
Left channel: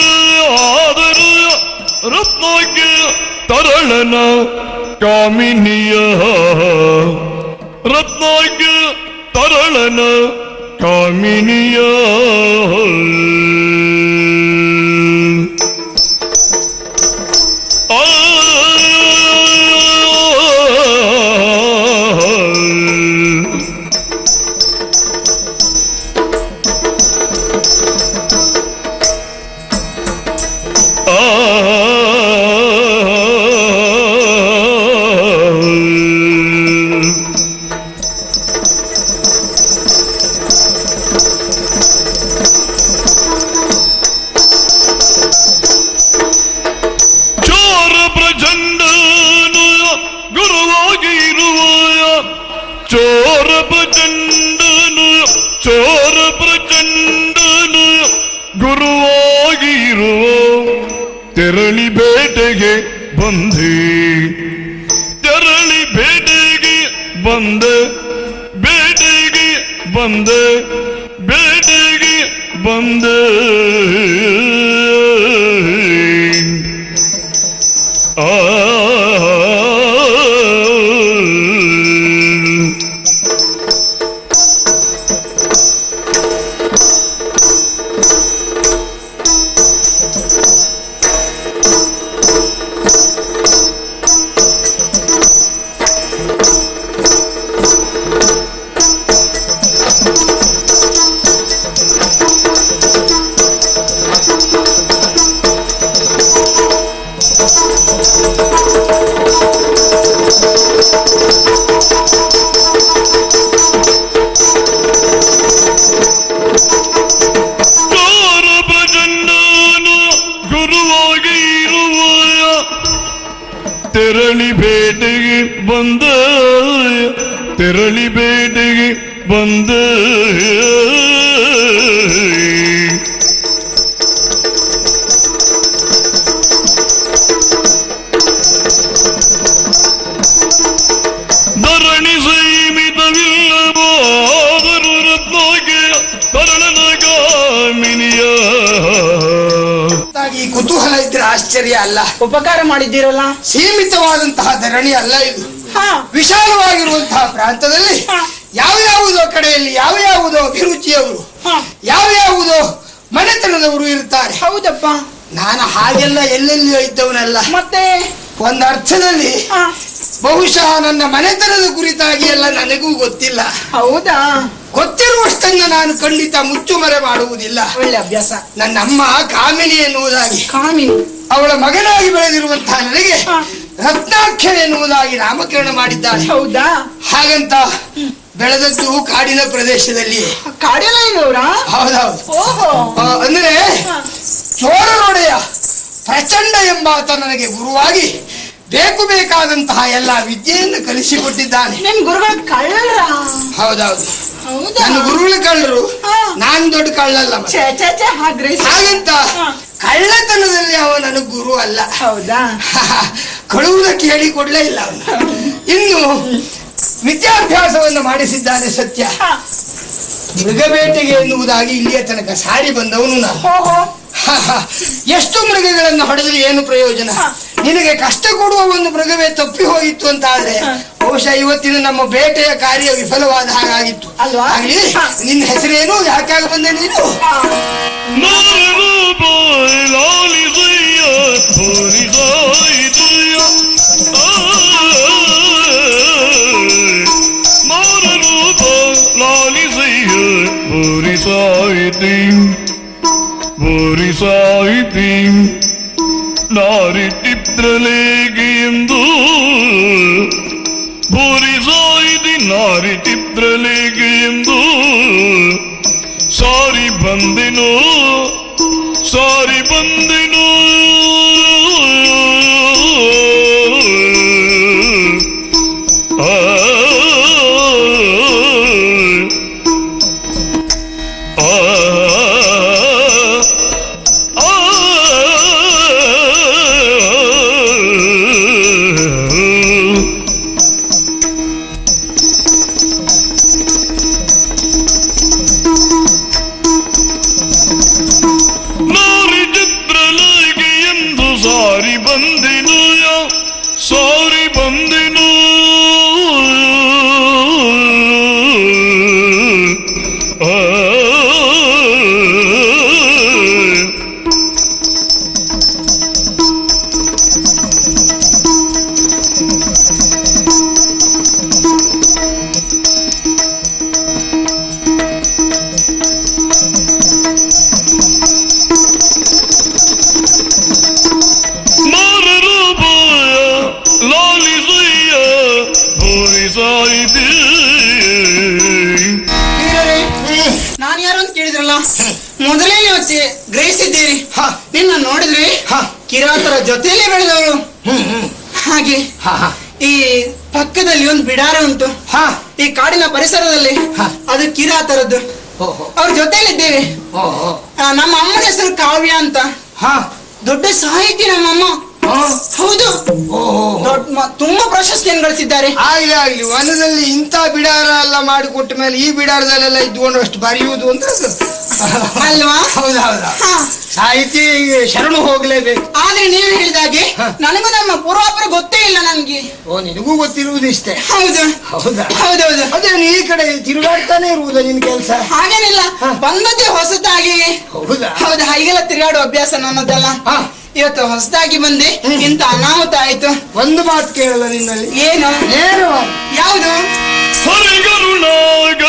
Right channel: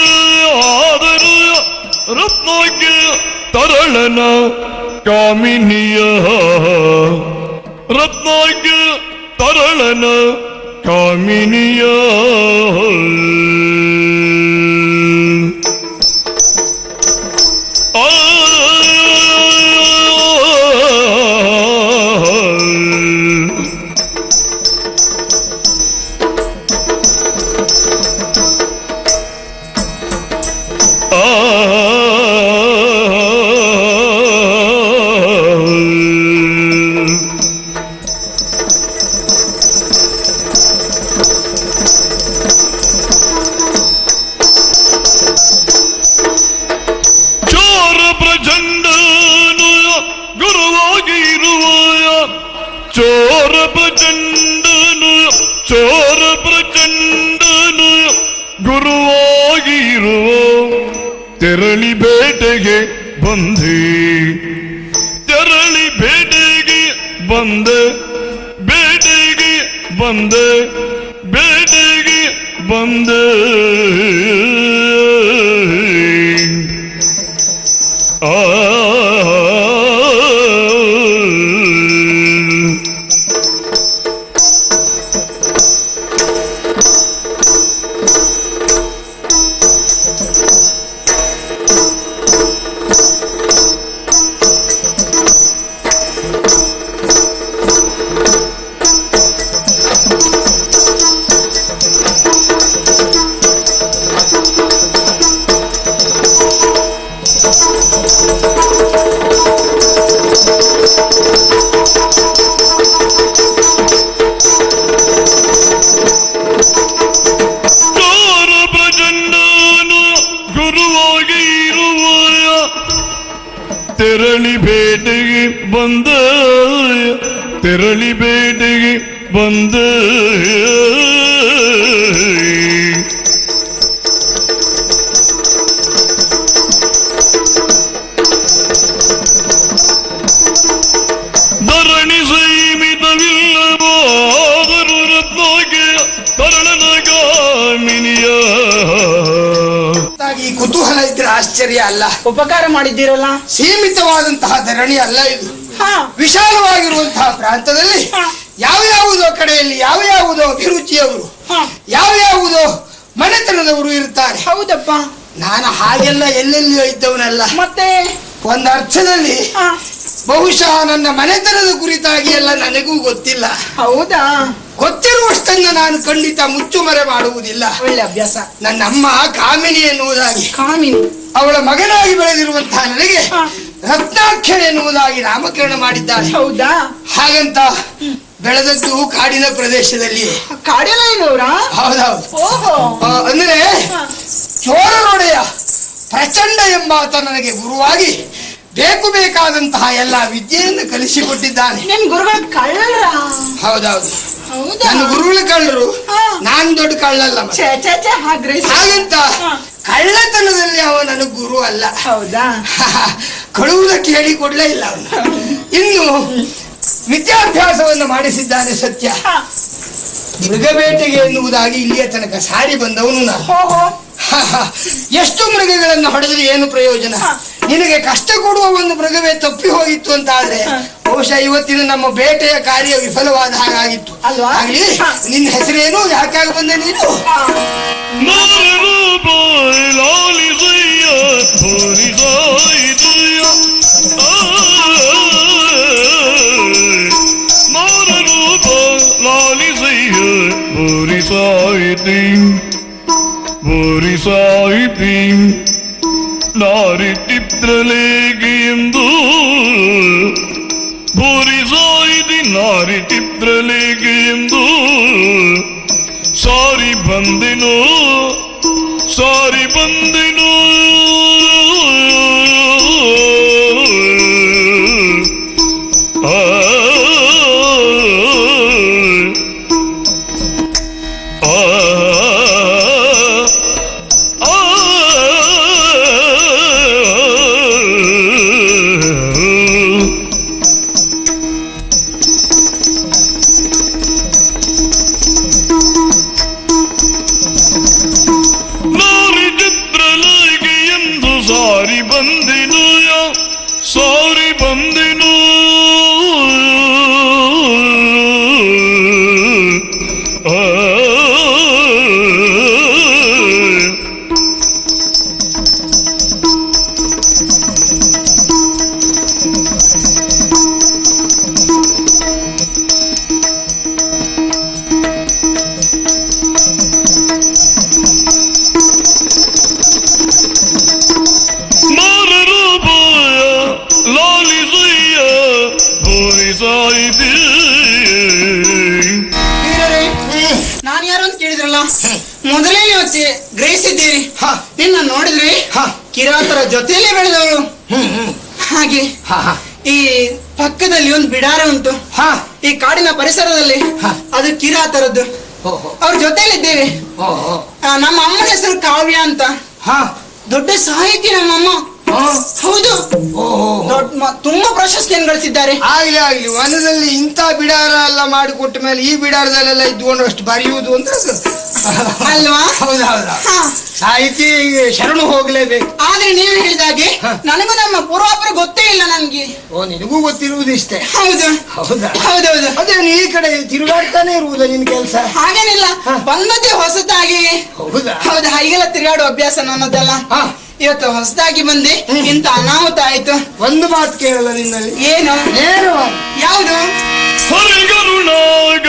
ರತ್ನಾಗ್ಯ ತರಣನ ಕಾಮಿನಿಯ ಕಾನನ ಕಾಮಿನಿಯ ತೆರಳಿ ಬೇಟೆಗೆ ಬಂದೆ ತೆರಳಿ ಬೇಟೆಗೆ ಬಂದೆ ಬೇಟೆಗೆ ಬಂದೆ ಬೇಟೆಗೆ ಬಂದೆ ತೆರಳಿ ಬೇಟೆಗೆ ಬಂದ ತೆರಳಿ ಬೇಟೆಗೆ ಬಂದ ಧರಣಿ ಸೈಮಿತವಿಲ್ಲವೋ ಕಾಮಿನಿಯ ಈ ಕುತೂಹಲ ಇದ್ರೆ ಆಶ್ಚರ್ಯ ಅಲ್ಲ. ಉಪಕಾರ ಮಾಡಿದ್ದೀರಲ್ಲ. ಸೀಮಿತವಾದಂತಹ ಧರಣಿ ಅಲ್ಲ ಇದು. ವಿಶಾಲವಾಗಿರುವಂತಹ ಪ್ರಾಂತದಲ್ಲಿ ಯಾವ್ಯಾವುದೋ ಕಡೆಯಲ್ಲಿ ಯಾವ್ಯಾವುದೋ ಅಭಿರುಚಿಯವರು ಯಾವ್ಯಾವುದೋ ಮನೆತನದವರು ಇರ್ತಾರೆ. ಹೌದಪ್ಪ. ನಾನು ಹಾಗೆಲ್ಲ ಎಲ್ಲೆಲ್ಲಿಯೋ ಇದ್ದವನಲ್ಲ. ಮತ್ತೆ ಒಂದರ್ಥದಲ್ಲಿ ಬಹುಶಃ ನನ್ನ ಮನೆತನದ ಕುರಿತಾಗಿ ಎಲ್ಲ ನನಗೂ ಗೊತ್ತಿಲ್ಲ. ಹೌದಾ? ಗೊತ್ತಿರುವಷ್ಟನ್ನು ನಾನು ಖಂಡಿತ ಮುಚ್ಚುಮರೆ ಮಾಡುವುದಿಲ್ಲ. ಒಳ್ಳೆ ಅಭ್ಯಾಸ. ನನ್ನ ಅಮ್ಮ ಕಾಮಿನಿ ಎನ್ನುವುದಾಗಿ ಕಾಮಿ ಅವಳ ಮಗನಾಗಿ ಬೆಳೆದಿರುವಂತಹ ನನಗೆ ರತ್ನಾಕ್ಷರ ಎನ್ನುವುದಾಗಿ ನಾಮಕರಣ ಮಾಡಿದ್ದಾರೆ. ಹೌದಾ? ಹಾಗಂತ ಬೆಳೆದದ್ದು ಕಾಡಿನ ಪ್ರದೇಶದಲ್ಲಿ. ಕಾಡಿನ ಹೌದೌದು. ಓಹೋ. ಅಂದ್ರೆ ಚೋರನೊಡೆಯ ಪ್ರಚಂಡ ಎಂಬಾತ ನನಗೆ ಗುರುವಾಗಿ ಬೇಕು ಬೇಕಾದಂತಹ ಎಲ್ಲ ವಿದ್ಯೆಯನ್ನು ಕಲಿಸಿಕೊಟ್ಟಿದ್ದಾನೆ. ನಿಮ್ ಗುರು ಕಳ್ಳರ? ಹೌದೌದು. ಹೌದಾ? ನನ್ನ ಗುರುವೇ ಕಳ್ಳರು, ನಾನ್ ದೊಡ್ಡ ಕಳ್ಳಲ್ಲ. ಹಾಗಂತ ಕಳ್ಳತನದಲ್ಲಿ ಅವ ನನ್ನ ಗುರು ಅಲ್ಲ. ಹೌದಾ? ಕಳುವುದಕ್ಕೆ ಹೇಳಿಕೊಡ್ಲೇ ಇಲ್ಲ. ಇನ್ನು ವಿದ್ಯಾಭ್ಯಾಸವನ್ನು ಮಾಡಿಸಿದ್ದಾನೆ ಸತ್ಯ. ಮೃಗಬೇಟೆಗೆ ಎನ್ನುವುದಾಗಿ ಇಲ್ಲಿಯ ತನಕ ಸಾರಿ ಬಂದವನು ನಾನು. ಎಷ್ಟು ಮೃಗಗಳನ್ನು ಹೊಡೆದು ಏನು ಪ್ರಯೋಜನ? ನಿನಗೆ ಕಷ್ಟ ಕೊಡುವ ಒಂದು ಮೃಗವೇ ತಪ್ಪಿ ಹೋಯಿತು ಅಂತ ಆದ್ರೆ ಬಹುಶಃ ಇವತ್ತಿನ ನಮ್ಮ ಬೇಟೆಯ ಕಾರ್ಯ ವಿಫಲವಾದ ಹಾಗಾಗಿತ್ತು. ಹಾಗೆ ನಿನ್ನ ಹೆಸರೇನು, ಯಾಕಾಗಿ ಬಂದೆ ನೀನು? ನಾರಿತಿದ್ರಲೇಗೆ ಎಂದು ಬೋರಿಸಾಯಿದಿ ನಾರಿತಿದ್ರಲೇಗೆ ಎಂದು ಸಾರಿ ಬಂದಿನೋ ಸಾರಿ ಬಂದಿನೋ ಗ್ರಹಿಸಿದ್ದೀರಿ. ಹಾ. ನಿನ್ನ ನೋಡಿದ್ವಿ ಹಾ. ಕಿರಾತರ ಜೊತೆಯಲ್ಲಿ ಬೆಳೆದವರು. ಹಾಗೆ ಈ ಪಕ್ಕದಲ್ಲಿ ಒಂದು ಬಿಡಾರ ಉಂಟು. ಹಾ. ಈ ಕಾಡಿನ ಪರಿಸರದಲ್ಲಿ ಅದು ಕಿರಾತರದ್ದು. ಅವ್ರ ಜೊತೆಲಿದ್ದೇವೆ. ನಮ್ಮ ಅಮ್ಮನ ಹೆಸರು ಕಾವ್ಯ ಅಂತ. ಹಾ. ದೊಡ್ಡ ಸಾಹಿತಿ ನಮ್ಮಮ್ಮ. ಹೌದು. ತುಂಬಾ ಪ್ರಶಸ್ತಿಯನ್ನು ಗಳಿಸಿದ್ದಾರೆ. ಹಾಗೆ ಆಗಲಿ. ವನದಲ್ಲಿ ಇಂಥ ಬಿಡಾರ ಎಲ್ಲ ಮಾಡಿಕೊಟ್ಟ ಮೇಲೆ ಈ ಬಿಡಾರದಲ್ಲೆಲ್ಲ ಇದ್ಕೊಂಡಷ್ಟು ಬರೆಯುವುದು ಅಂದ್ರೆ ಅಲ್ವಾ? ಹೌದೌದಾ. ಸಾಹಿತಿ ಶರಣು ಹೋಗ್ಲೇಬೇಕು. ಆದ್ರೆ ನೀವು ಹೇಳಿದಾಗೆ ನನಗೂ ನಮ್ಮ ಪೂರ್ವಾಪರ ಗೊತ್ತೇ ಇಲ್ಲ ನನ್ಗೆ. ಓ, ನಿಮಗೂ ಗೊತ್ತಿರುವುದು ಇಷ್ಟೇ. ಹೌದಾ? ಹೌದಾ. ಹೌದೌದು. ಅದೇ ಈ ಕಡೆ ತಿರುಗಾಡ್ತಾನೆ ಇರುವುದು ನಿಮ್ ಕೆಲಸ. ಹಾಗೇನಿಲ್ಲ, ಬಂದದ್ದೇ ಹೊಸತಾಗಿ. ಹೌದಾ. ಹೌದು, ಹಾಗೆಲ್ಲ ತಿರುಗಾಡುವ ಅಭ್ಯಾಸ ನಮ್ಮದಲ್ಲ. ಇವತ್ತು ಹೊಸದಾಗಿ ಬಂದೆ, ಇಂತ ಅನಾಹುತ ಆಯ್ತು. ಒಂದು ಮಾತು ಕೇಳಲ್ಲ ನಿನ್ನಲ್ಲಿ. ಏನು? ಯಾವುದು? ಹರಿಕರುಣಾಕರ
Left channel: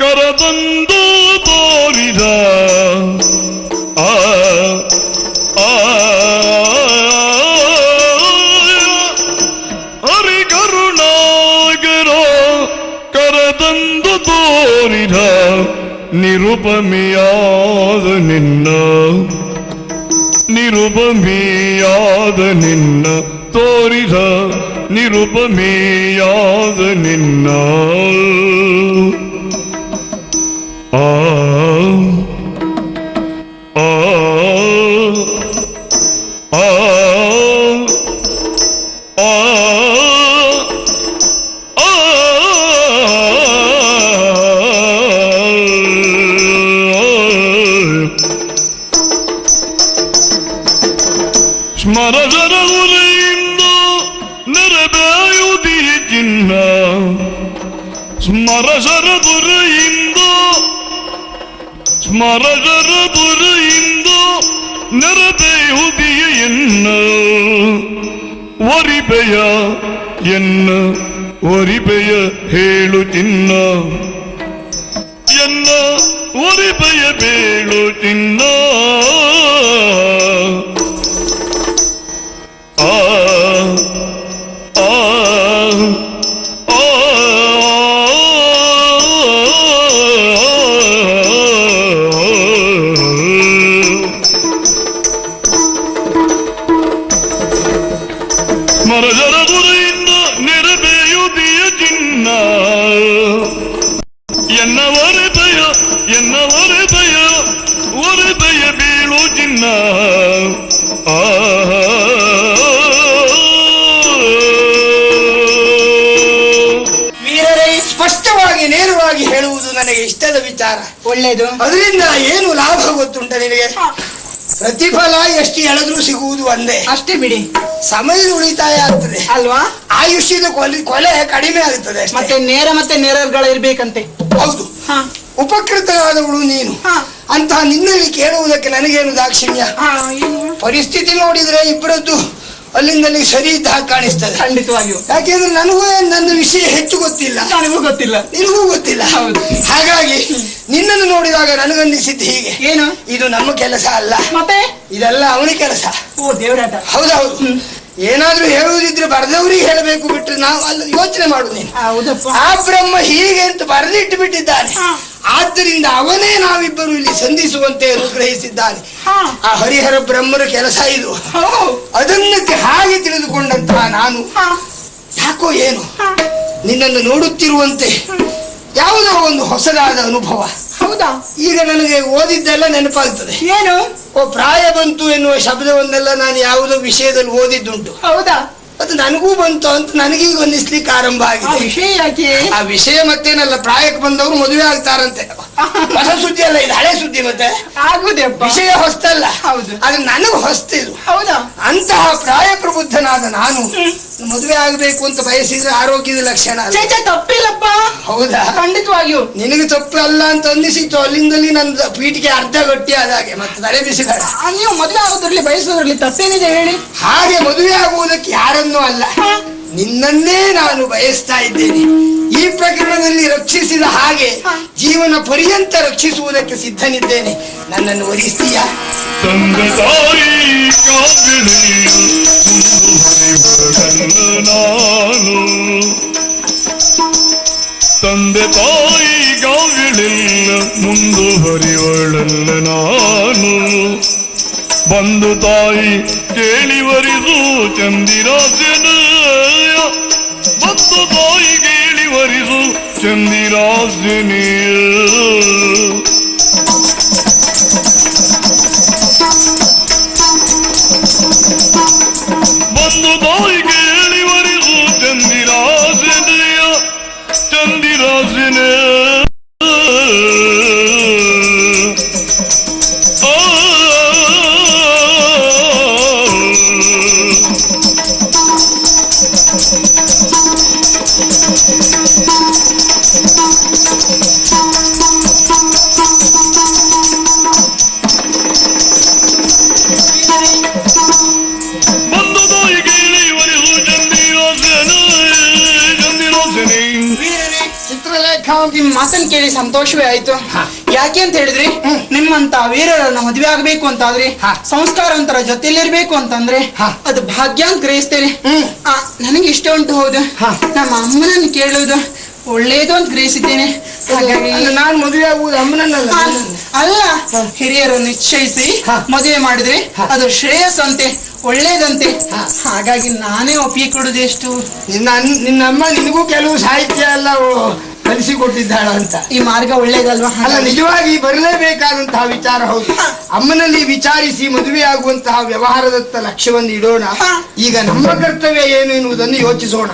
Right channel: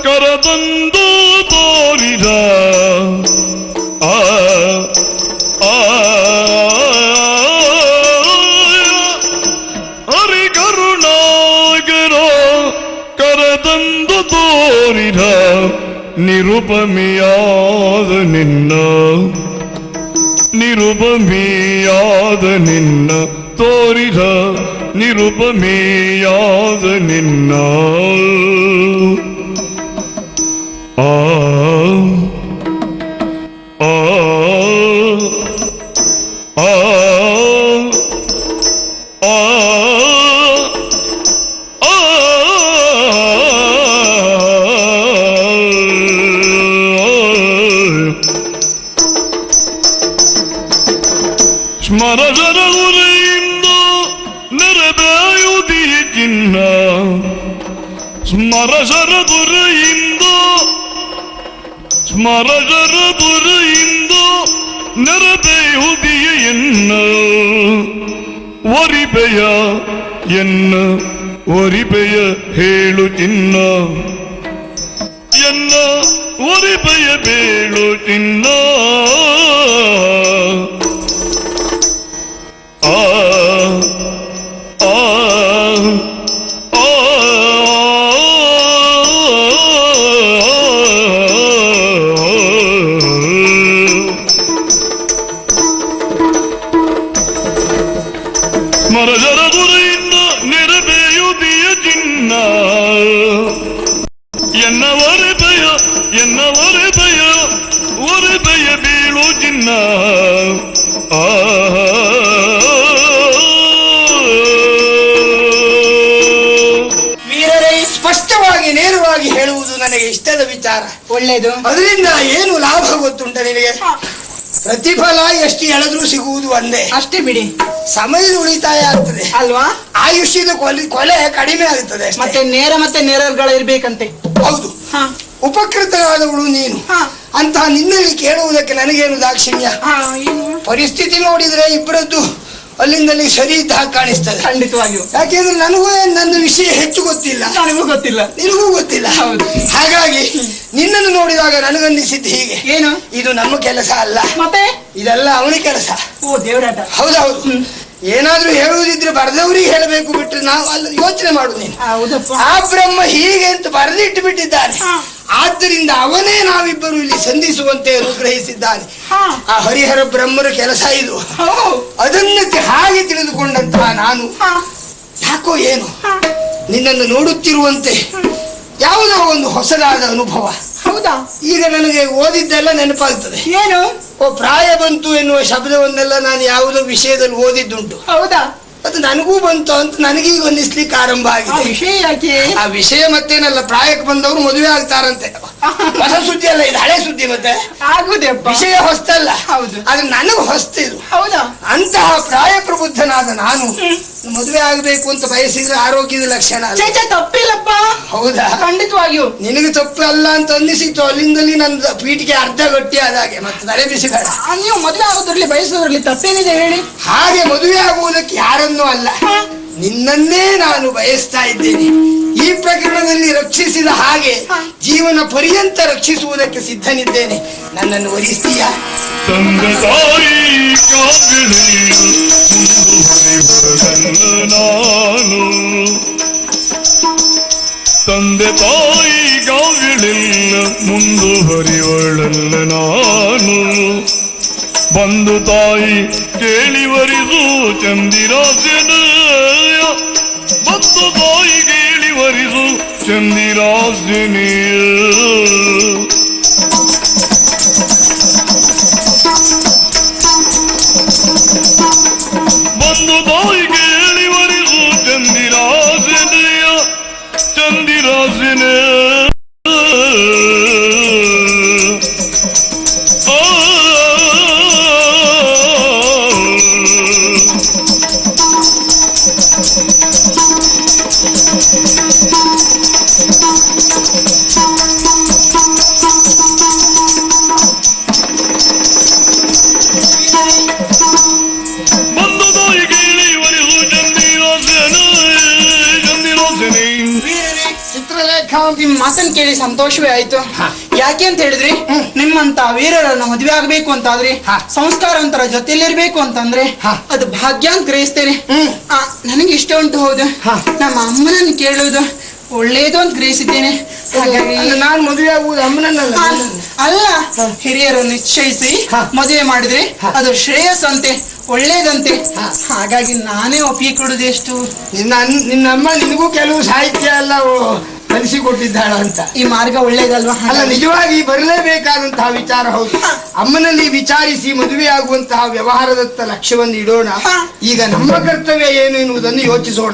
ಕರತಂದು ತೋರಿದ ಆ ಹರಿಕರುಣಾಕರ ಕರತಂದು ತೋರಿದ ನಿರುಪಮೆಯಾದ ನಿನ್ನ ತೋರಿದ ನಿರುಪಮೆಯಾದ ನಿನ್ನ ಆ ಆ ಆ ಆ ಸ್ಮರಣದಿಂದ ನೆರವೇಯುವುದಕ್ಕಿನ್ನ ಸ್ಮರಣದಿಂದ ನೆರವೇಯುವುದೆಯನ್ನ ಒರಿಬೆಯ ಹೇಳುತ್ತಿನ್ನ ಎನ್ನ ಒರಿಬೆಯ ಬೇಳುತ್ತಿನ್ನ ಸ್ಪಷ್ಟವಾಗಿ ನೇರವಾಗಿ ಹೇಳುವುದು ನನಗೆ ಇಷ್ಟದ ವಿಚಾರ. ಒಳ್ಳೇದು. ಅದರಿಂದ ಏನು ಲಾಭ ಗೊತ್ತುಂಟ ನಿಮಗೆ? ಪ್ರತಿಫಲ ಎಷ್ಟು ಹೇಳಿದ್ರು ಸಿಗುವುದು ಒಂದೇ. ಅಷ್ಟೇ ಬಿಡಿ. ಸಮಯ ಉಳಿತಾಯ ಆಗ್ತದೆ ಅಲ್ವಾ? ಆಯುಷ್ಯದ ಕೊಲೆ ಕಡಿಮೆ ಆಗ್ತದೆ. ಮತ್ತೆ ನೇರಗಳಿರ್ಬೇಕಂತೆ. ಹೌದು. ಉಪಕೃತರಾದವಳು ನೀನು. ಅಂತ ನಿನ್ನಲ್ಲಿ ಕೇಳುವುದಕ್ಕೆ ನನಗೇನು ದಾಕ್ಷಿಣ್ಯ? ಪರಿಸ್ಥಿತಿ ನೋಡಿದ್ರೆ ಇಬ್ಬರದ್ದು ಅಲ್ಲಿಂದಲ್ಲಿ ಸರಿ ಇದ್ದ ಕಾಣಿಸ್ತದೆ. ಖಂಡಿತವಾಗಿಯೂ. ಯಾಕೆಂದ್ರೆ ನನಗೂ ನನ್ನ ವಿಷಯ ಹೆಚ್ಚು ಗೊತ್ತಿಲ್ಲ, ನನಗೂ ಗೊತ್ತಿಲ್ಲ, ನಿನಗೂ ಗೊತ್ತಿಲ್ಲ. ಹಾಗಾಗಿ ನಿನ್ನನ್ನು ನೋಡಿದಾಗ ನನಗನ್ನಿಸಿದ್ದು ಹೀಗೆ, ಏನು ಇದು ನಮ್ಮ ಕೆಲಸ ಅಲ್ಲ, ಮತ್ತೆ ಇದೆಲ್ಲ ಅವನ ಕೆಲಸ. ಓ ದೇವರಾಟ. ಹೌದೌದು. ಏನಾದ್ರೂ ಹೇಳುವುದಿದ್ರೆ ಬರೆದವ್ರಿಗೆ ಹೇಳಬೇಕು ಬಿಟ್ಟು ನಾವು ಅಲ್ಲಿ ಯೋಚನೆ ಮಾಡುದು. ಆ ಬ್ರಹ್ಮ ಹೀಗೆ ಅಂತ ಬರೆದಿಟ್ಟು ಬಿಟ್ಟಿದ್ದಾನೆ. ಆದ್ದರಿಂದ ಅವನೇ ನಾವಿಬ್ಬರು ಇಲ್ಲಿ ಸಂಧಿಸುವಂತೆ ಗ್ರಹಿಸಿದ್ದಾನೆ. ಆ ಹರಿಹರ ಬ್ರಹ್ಮರ ಕೆಲಸ ಇದು. ಅದನ್ನು ಹಾಗೆ ತಿಳಿದುಕೊಂಡಂತ ನಾನು ಯಾಕೋ ಏನು ನಿನ್ನನ್ನು ನೋಡುತ್ತಿರುವಂತೆ ಯಾವುದೋ ಒಂದು ಹೊಸದಾದ ಅನುಭವ. ಹೌದಾ? ಈಗ ನನಗೆ ಓದಿದ್ದೆಲ್ಲ ನೆನಪಾಗ್ತದೆ. ಏನು? ಪ್ರಾಯ ಬಂತು ಎನ್ನುವ ಶಬ್ದವನ್ನೆಲ್ಲ ನಾನು ಯಾವುದೋ ವಿಷಯದಲ್ಲಿ ಓದಿದ್ದುಂಟು. ಹೌದಾ? ಅದು ನನಗೂ ಬಂತು ಅಂತ ನನಗೀಗ ಅನ್ನಿಸ್ಲಿಕ್ಕೆ ಆರಂಭ ಆಗಿದೆ. ಆ ವಿಷಯ ಮತ್ತೇನಲ್ಲ, ಪ್ರಾಯಕ್ಕೆ ಬಂದವರು ಮದುವೆ ಆಗ್ತಾರಂತೆ. ಹೊಸ ಸುದ್ದಿ ಅಲ್ಲ, ಇದು ಹಳೆ ಸುದ್ದಿ ಮತ್ತೆ. ವಿಷಯ ಹೊಸ್ತಲ್ಲ, ಅದು ನನಗೂ ಹೊಸ್ತಿಲ್ಲ. ಅಂತಹ ಪ್ರಾಯ ಪ್ರಬುದ್ಧನಾದ ನಾನು ಮದುವೆ ಆಗ್ಬೇಕು ಅಂತ ಬಯಸಿದ್ರೆ ಆರೋಗ್ಯದ ಲಕ್ಷಣ ತಪ್ಪಿಲ್ಲಪ್ಪ. ಹೌದಾ? ಖಂಡಿತವಾಗಿಯೂ ನಿನಗೆ ತಪ್ಪಲ್ಲ ಅಂತ ಅಂದಿಸಿತ್ತು. ಅಲ್ಲಿಂದಲ್ಲಿ ನನ್ನ ಪೀಠಿಗೆ ಅರ್ಧ ಗಟ್ಟಿ ಆದಾಗೆ ತಲೆ ಬಿಸಿದ. ನೀವು ಮದುವೆ ಬಯಸೋದ್ರಲ್ಲಿ ತಪ್ಪೇನಿದೆ ಹೇಳಿ? ಹಾಗೆ ಮದುವೆ ಆಗುವುದಕ್ಕೆ ಯಾರನ್ನೂ ಅಲ್ಲ, ನಿನ್ನನ್ನೇ ನಾನು ಬಯಸ್ತಾ ಇದ್ದೇನೆ. ಈ ಪ್ರಕರಣದಲ್ಲಿ ರಕ್ಷಿಸಿದ ಹಾಗೆ ಜೀವನ ಪರ್ಯಂತ ರಕ್ಷಿಸುವುದಕ್ಕೆ ಸಿದ್ಧನಿದ್ದೇನೆ. ನನ್ನನ್ನು ವಹಿಸ್ತೀಯಾ? ತಂದೆ ತಾಯಿ ಗಾವಿಳಿನ ಮುಂದುವರಿಯೊಡನೆ ನಾನು ಬಂದು ತಾಯಿ ಕೇಳಿವರಿದು ಚಂದಿರಾಸೆನೆಯ ಬಂದು ತಾಯಿ ಕೇಳಿವರಿದು ಚಂದಿರಾಸೆನೆಯ ಬಂದು ತಾಯಿ ಕೇಳಿವರಿದು ಚಂದಿರಾಸೆನೆಯ ಚಂದಿರಾಸೆನೆಯ ಮಾತನ್ನು ಕೇಳಿ ಸಂತೋಷವೇ ಆಯ್ತು. ಯಾಕೆ ಅಂತ ಹೇಳಿದ್ರಿ, ನಿಮ್ಮಂತ ವೀರರನ್ನ ಮದುವೆ ಆಗ್ಬೇಕು ಅಂತಾದ್ರೆ, ಸಂಸ್ಕಾರವಂತರ ಜೊತೆಲಿರ್ಬೇಕು ಅಂತಂದ್ರೆ ಅದು ಭಾಗ್ಯ ಅಂತ ಗ್ರಹಿಸ್ತೇನೆ. ನನಗೆ ಇಷ್ಟ ಅಂತ ಹೌದು, ನಮ್ಮ ಅಮ್ಮನನ್ನು ಕೇಳೋದು ಒಳ್ಳೇದು ಅಂತ ಗ್ರಹಿಸಿದ್ದೇನೆ. ನಾನು ಮದುವೆ ಆಗುವುದು ಅಮ್ಮನಲ್ಲ, ಅಲ್ಲ, ಹಿರಿಯರು ನಿಶ್ಚಯಿಸಿ ಮದುವೆ ಮಾಡಿದ್ರೆ ಅದು ಶ್ರೇಯಸ್ಸಂತೆ, ಒಳ್ಳೇದಂತೆ. ಹಾಗಾಗಿ ನಾನೇ ಒಪ್ಪಿಗೆ ಕೊಡುದು ಎಷ್ಟು. ನಿನ್ನಮ್ಮ ನಿಮಗೂ ಕೆಲವು ಸಾಹಿತ್ಯ ಎಲ್ಲ ಕಲಿಸಿಕೊಟ್ಟಿದ್ದಾಳ ಅಂತ. ಈ ಮಾರ್ಗ ಒಳ್ಳೇದಲ್ವಾ? ಅಲ್ಲ, ನಿಜವಾಗಿ ಬರಲೇಬೇಕಾದಂತಹ ವಿಚಾರ ಹೌದು. ಅಮ್ಮನಲ್ಲಿ ವಿಚಾರಿಸಿ ಮದುವೆ ಆಗುವಂತಹ ವ್ಯವಹಾರದತ್ತ ಲಕ್ಷ್ಯವನ್ನು ಇಡೋಣ. ಈಗ ನಮ್ಮ ಕರ್ತವ್ಯ ಏನು ಎನ್ನುವುದನ್ನು ಯೋಚಿಸೋಣ.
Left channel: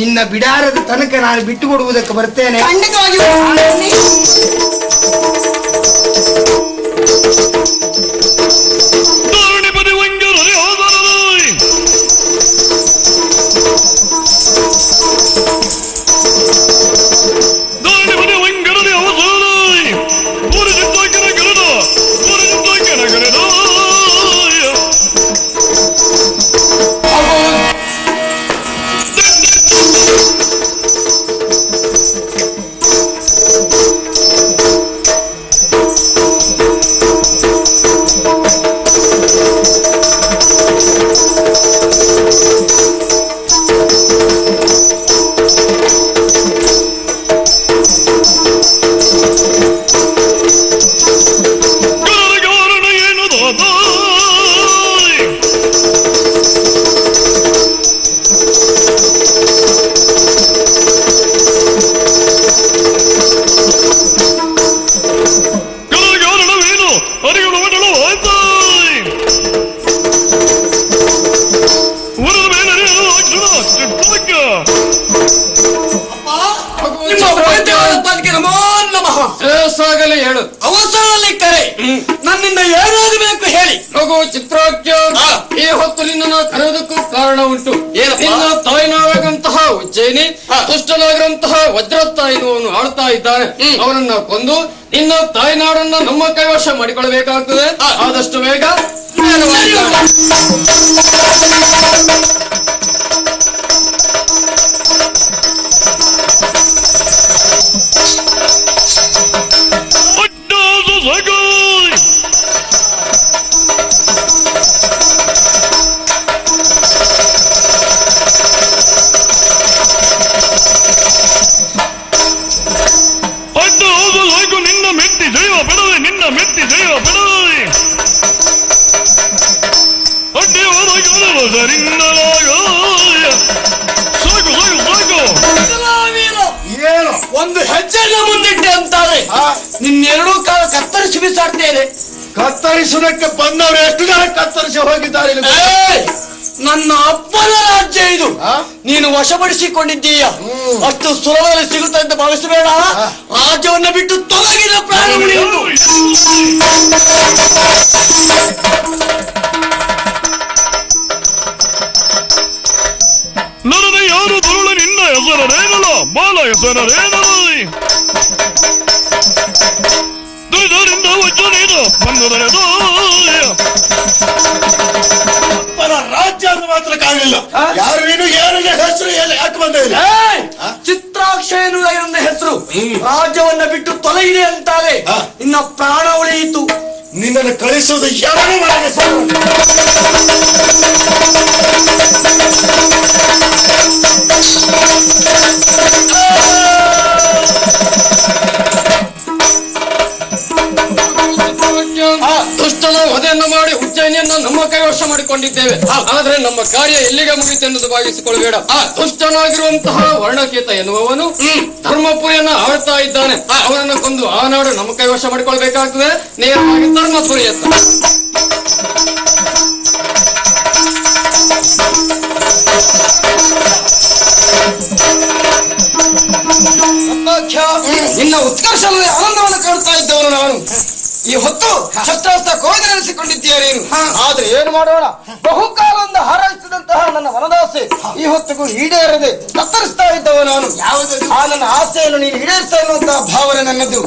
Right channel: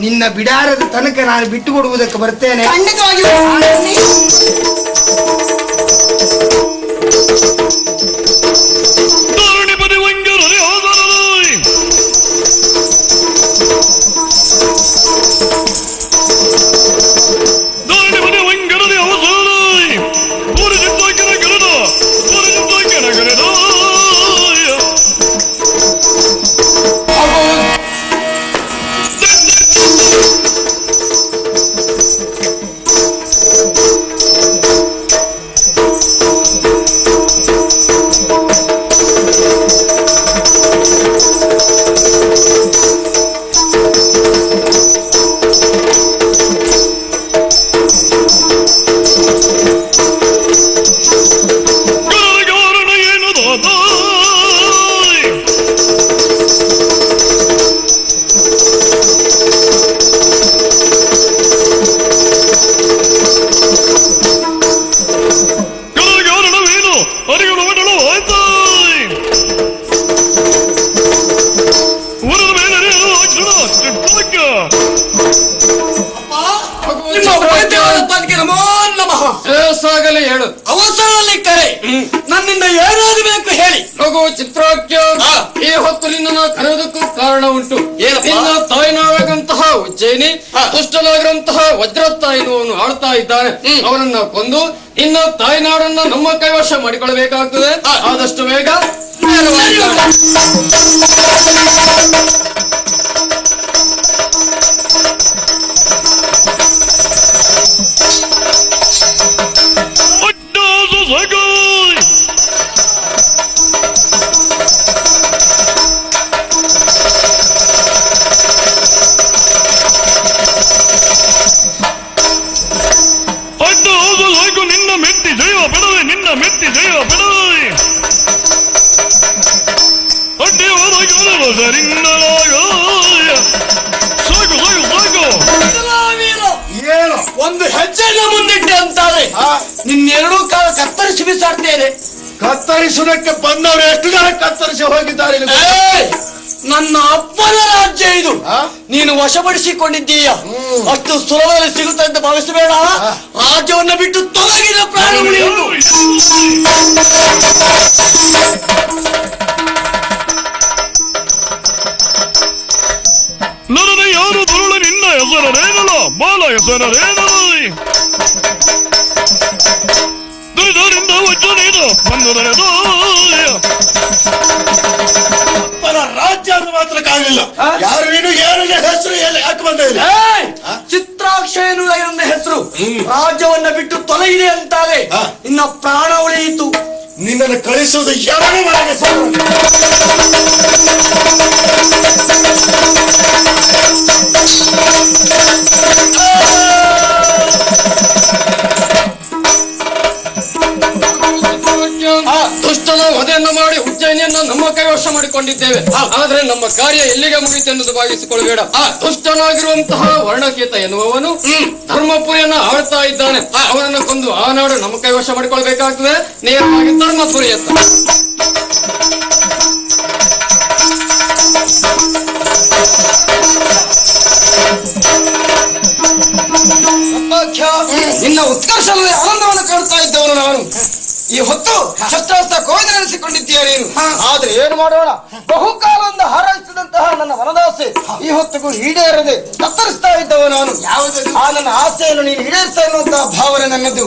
ನಿನ್ನ ಬಿಡಾರದ ತನಕ ನಾನು ಬಿಟ್ಟು ಹೋಗುವುದಕ್ಕೆ ಬರ್ತೇನೆ. ನನ್ನಿಂದ ಏನಾಗಬೇಕು ಹೇಳಿ. ಚಿತ್ರಾಜ್ಞ ಈ ಹೊತ್ತು ನಿನ್ನ ಕರೆದಕ್ಕೂ ಕಾರಣ ಉಂಟು. ನಿನ್ನ ತಾಯಿನಾಗಂತಹ ಉಜ್ಜಯಿನಿ ದುಷ್ಟನಾಗಂತಹ ವಜ್ರತಾಯಿನವನು ಆಡ್ತಾ ಇದ್ದಾರೆ. ಅವರನ್ನ ಬಂದು ನಿನ್ನ ತಾಯಿನಾಡನ್ನು ನಮ್ಮ ಕೈವಶ ಮಾಡಿಕೊಳ್ಳಬೇಕಾಗುತ್ತದೆ. ಆದಷ್ಟು ಬೇಗ ಒಂದು ಹೆಜ್ಜೆ ಮುಂದಿಟ್ಟೆ ಅಂತಾರೆ. ನಿನ್ನೇನೋ ಕತ್ತರಿಸಿ ಬಿಸಾಡ್ತೇನೆ. ಕತ್ತರಿಸುವುದಕ್ಕೆ ಬಂದವರು ಎದುರಾಗಿ ಕತ್ತರಿಸಿ ಹೋಗಿದ್ದಾರೆ. ನನ್ನ ಅಪ್ಪನ ರಾಜ್ಯ ಇದು, ನೀನು ವಶಪಡಿಸಿಕೊಂಡಿದ್ದೀಯ. ಅಷ್ಟು ಸೋಲ ಸಿಗುತ್ತಂತೆ ಭಾವಿಸಬೇಡ. ರಾಜ್ಯವನ್ನು ಬಿಟ್ಟು ತೊಲಗಿದ ಪ್ರಾಣ ಉಳಿಯಲು. ನಾನು ಯಾರು ಬರುವುದರಿಂದ ಎದುರಲ್ಲ ಬಾಲ ಎದುರಲ್ಲ ರಾಜ್ಯ ಮಾತ್ರ ಕಾಣಿಲ್ಲ. ಚಿತ್ರಾಕ್ಷರ ಹೆಸರು ರಾಜ್ಯವನ್ನು ಬಿಟ್ಟು ತೊಲಗಿ ಅಂತಾರೆ. ಇನ್ನ ಪ್ರಾಣ ಉಳಿಯಿತು. ನಿನ್ನನ್ನು ಕಳಿಸುವುದು ಯಾರು? ಕಾರ್ಯ ಇಲ್ಲಿಗೆ ಮುಗಿತೆಂದು ಭಾವಿಸಿಕೊಳ್ಳಬೇಡ. ದುಷ್ಟನಾಗಿರುವಂತಹ ವರ್ಣಕೇತ ಎನ್ನುವವನು ಧರ್ಮಪುರಿಯನ್ನು ಆಳ್ತಾ ಇದ್ದಾನೆ. ಅವನನ್ನು ಕೊಂದು ಆ ನಾಡು ನಮ್ಮ ಕೈವಶ ಮಾಡಿಕೊಳ್ಳಬೇಕಾಗ್ತದೆ. ನೇರವಾಗಿ ಧರ್ಮಪುರಿ ನಿನ್ನ ಉತ್ಕರ್ಷದಲ್ಲಿ ಅವಮಾನ ಕಾಣ್ತಾ ಇದ್ದವನು ನಾನು. ಈ ಹೊತ್ತು ಶಸ್ತ್ರಾಸ್ತ್ರ ಗೋಚರಿಸಿಕೊಂಡಿದ್ದೇನೆ. ಆದ್ರೆ ಏನ್ ಮಾಡೋಣ, ಬಹುಕಾಲದಿಂದ ಹಾರೈಸಿದಂತಹ ನನ್ನ ವರದಾಸೆ ಈ ಹೊತ್ತಿಗೂ ಈಡೇರದೆ ಕತ್ತರಿಸ್ತಾ ಇದ್ದವ ನಾನು. ನನ್ನ ಆಸೆಯನ್ನು ನೀನು ಈಡೇರಿಸ್ತಾ ಇರುವಂತಹ ಭಾವನೆ ನನ್ನದು.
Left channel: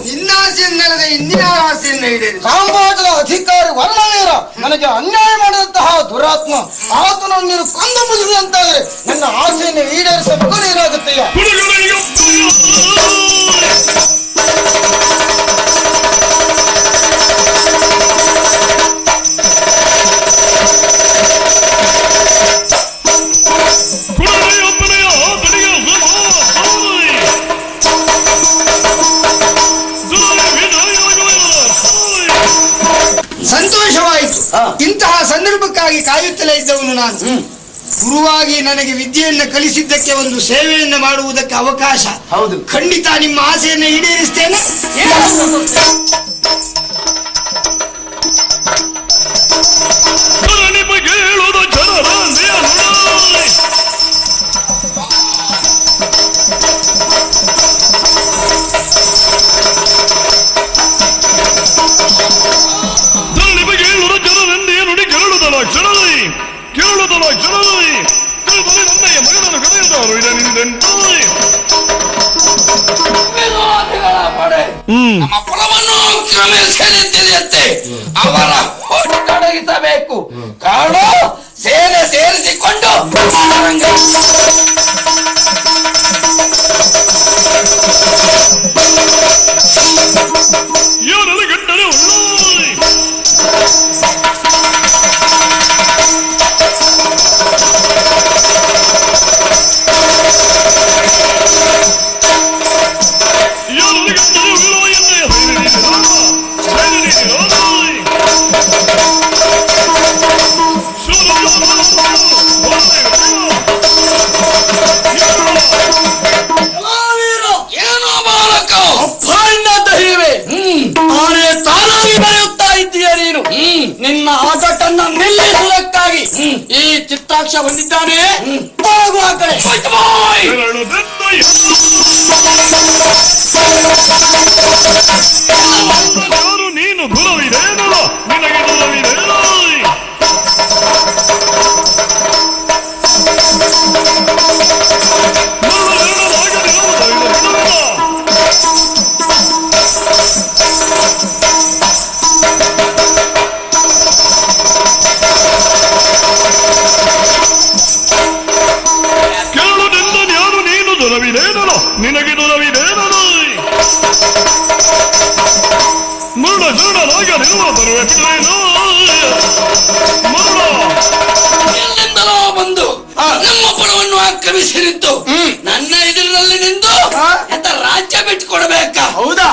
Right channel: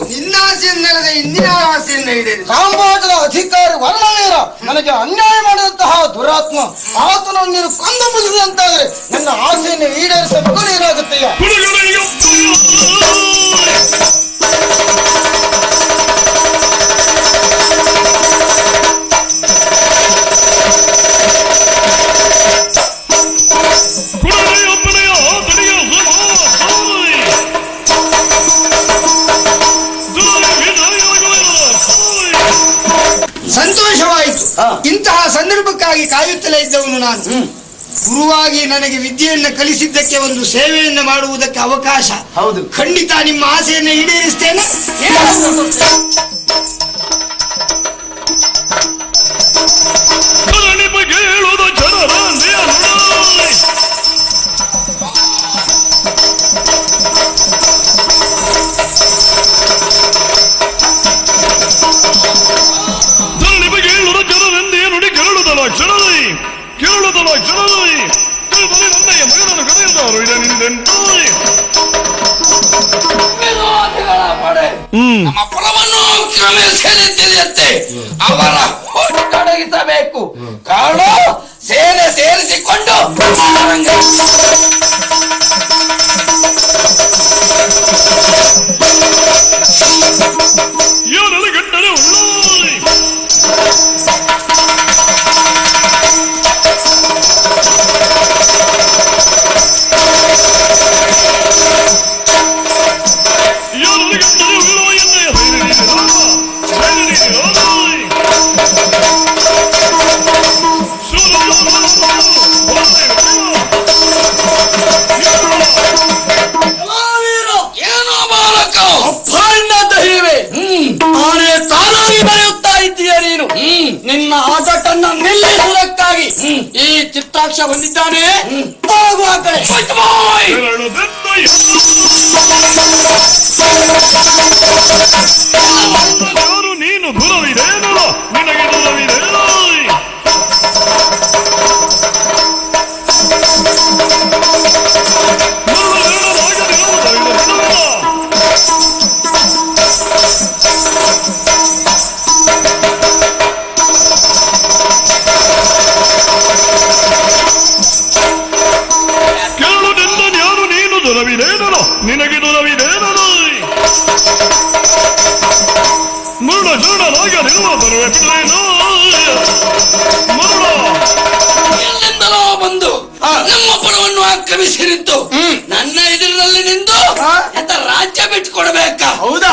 ಇಂದಿನ ಆಸೆಯನ್ನು ಸಮಾಜದ ಅಧಿಕಾರ ವಲ್ಲವೇ ನನಗೆ ಅನ್ಯಾಯ ಮಾಡಿದಂತಹ ದುರಾತ್ಮ ಆತನನ್ನು ನೀನು ಕೊಂದು ಬಿಡಿಸಿದಂತಾದ್ರೆ ನನ್ನ ಆಸೆಯನ್ನು ಈಡೇರಿಸಲು ಏನಾಗುತ್ತೆಯಾ? ಸಂತೋಷವಾಯಿತು. ಇಂತಹ ಸಂದರ್ಭಕ್ಕಾಗಿ ಕಾಯುತ್ತಲೇ ಇದ್ದವನು ನಾನು. ಗುರುವಾಗಿ ನನಗೆ ವಿದ್ಯೆಯನ್ನು ಕಲಿಸಿದ್ದಕ್ಕೆ ಒಂದು ಸೇವೆಯನ್ನು ಮಾಡುವುದಕ್ಕೆ ಅವಕಾಶ. ಹೌದು, ಖಂಡಿತ ನಿಮ್ಮ ಆಸೆಯನ್ನು ಈಡೇರಿಸ್ತೇನೆ. ಅವರ ಫೋಟೋ ಕಳುಹಿಸಬೇಕು. ಕಾಳು ಸೇವೆ ಸೇರಿಸಿಕೊಂಡು ನಿನ್ನ ಆಟವನ್ನು ನಿಲ್ಲಿಸುವುದಕ್ಕಾಗಿ ಈ ಚಿತ್ತಾಕ್ಷ ಹೊಂದಿದ್ದಾನೆ. ಬಂದು ನಮ್ಮ ಕುಲವನ್ನು ಆಕ್ರಮಿಸಿದ್ದು ನನ್ನ ಎದುರಿನಲ್ಲಿ ನಿಂತು ರಾಜ್ಯ ಬಿಟ್ಕೊಡ್ಬೇಕಾ? ಹೌದಾ?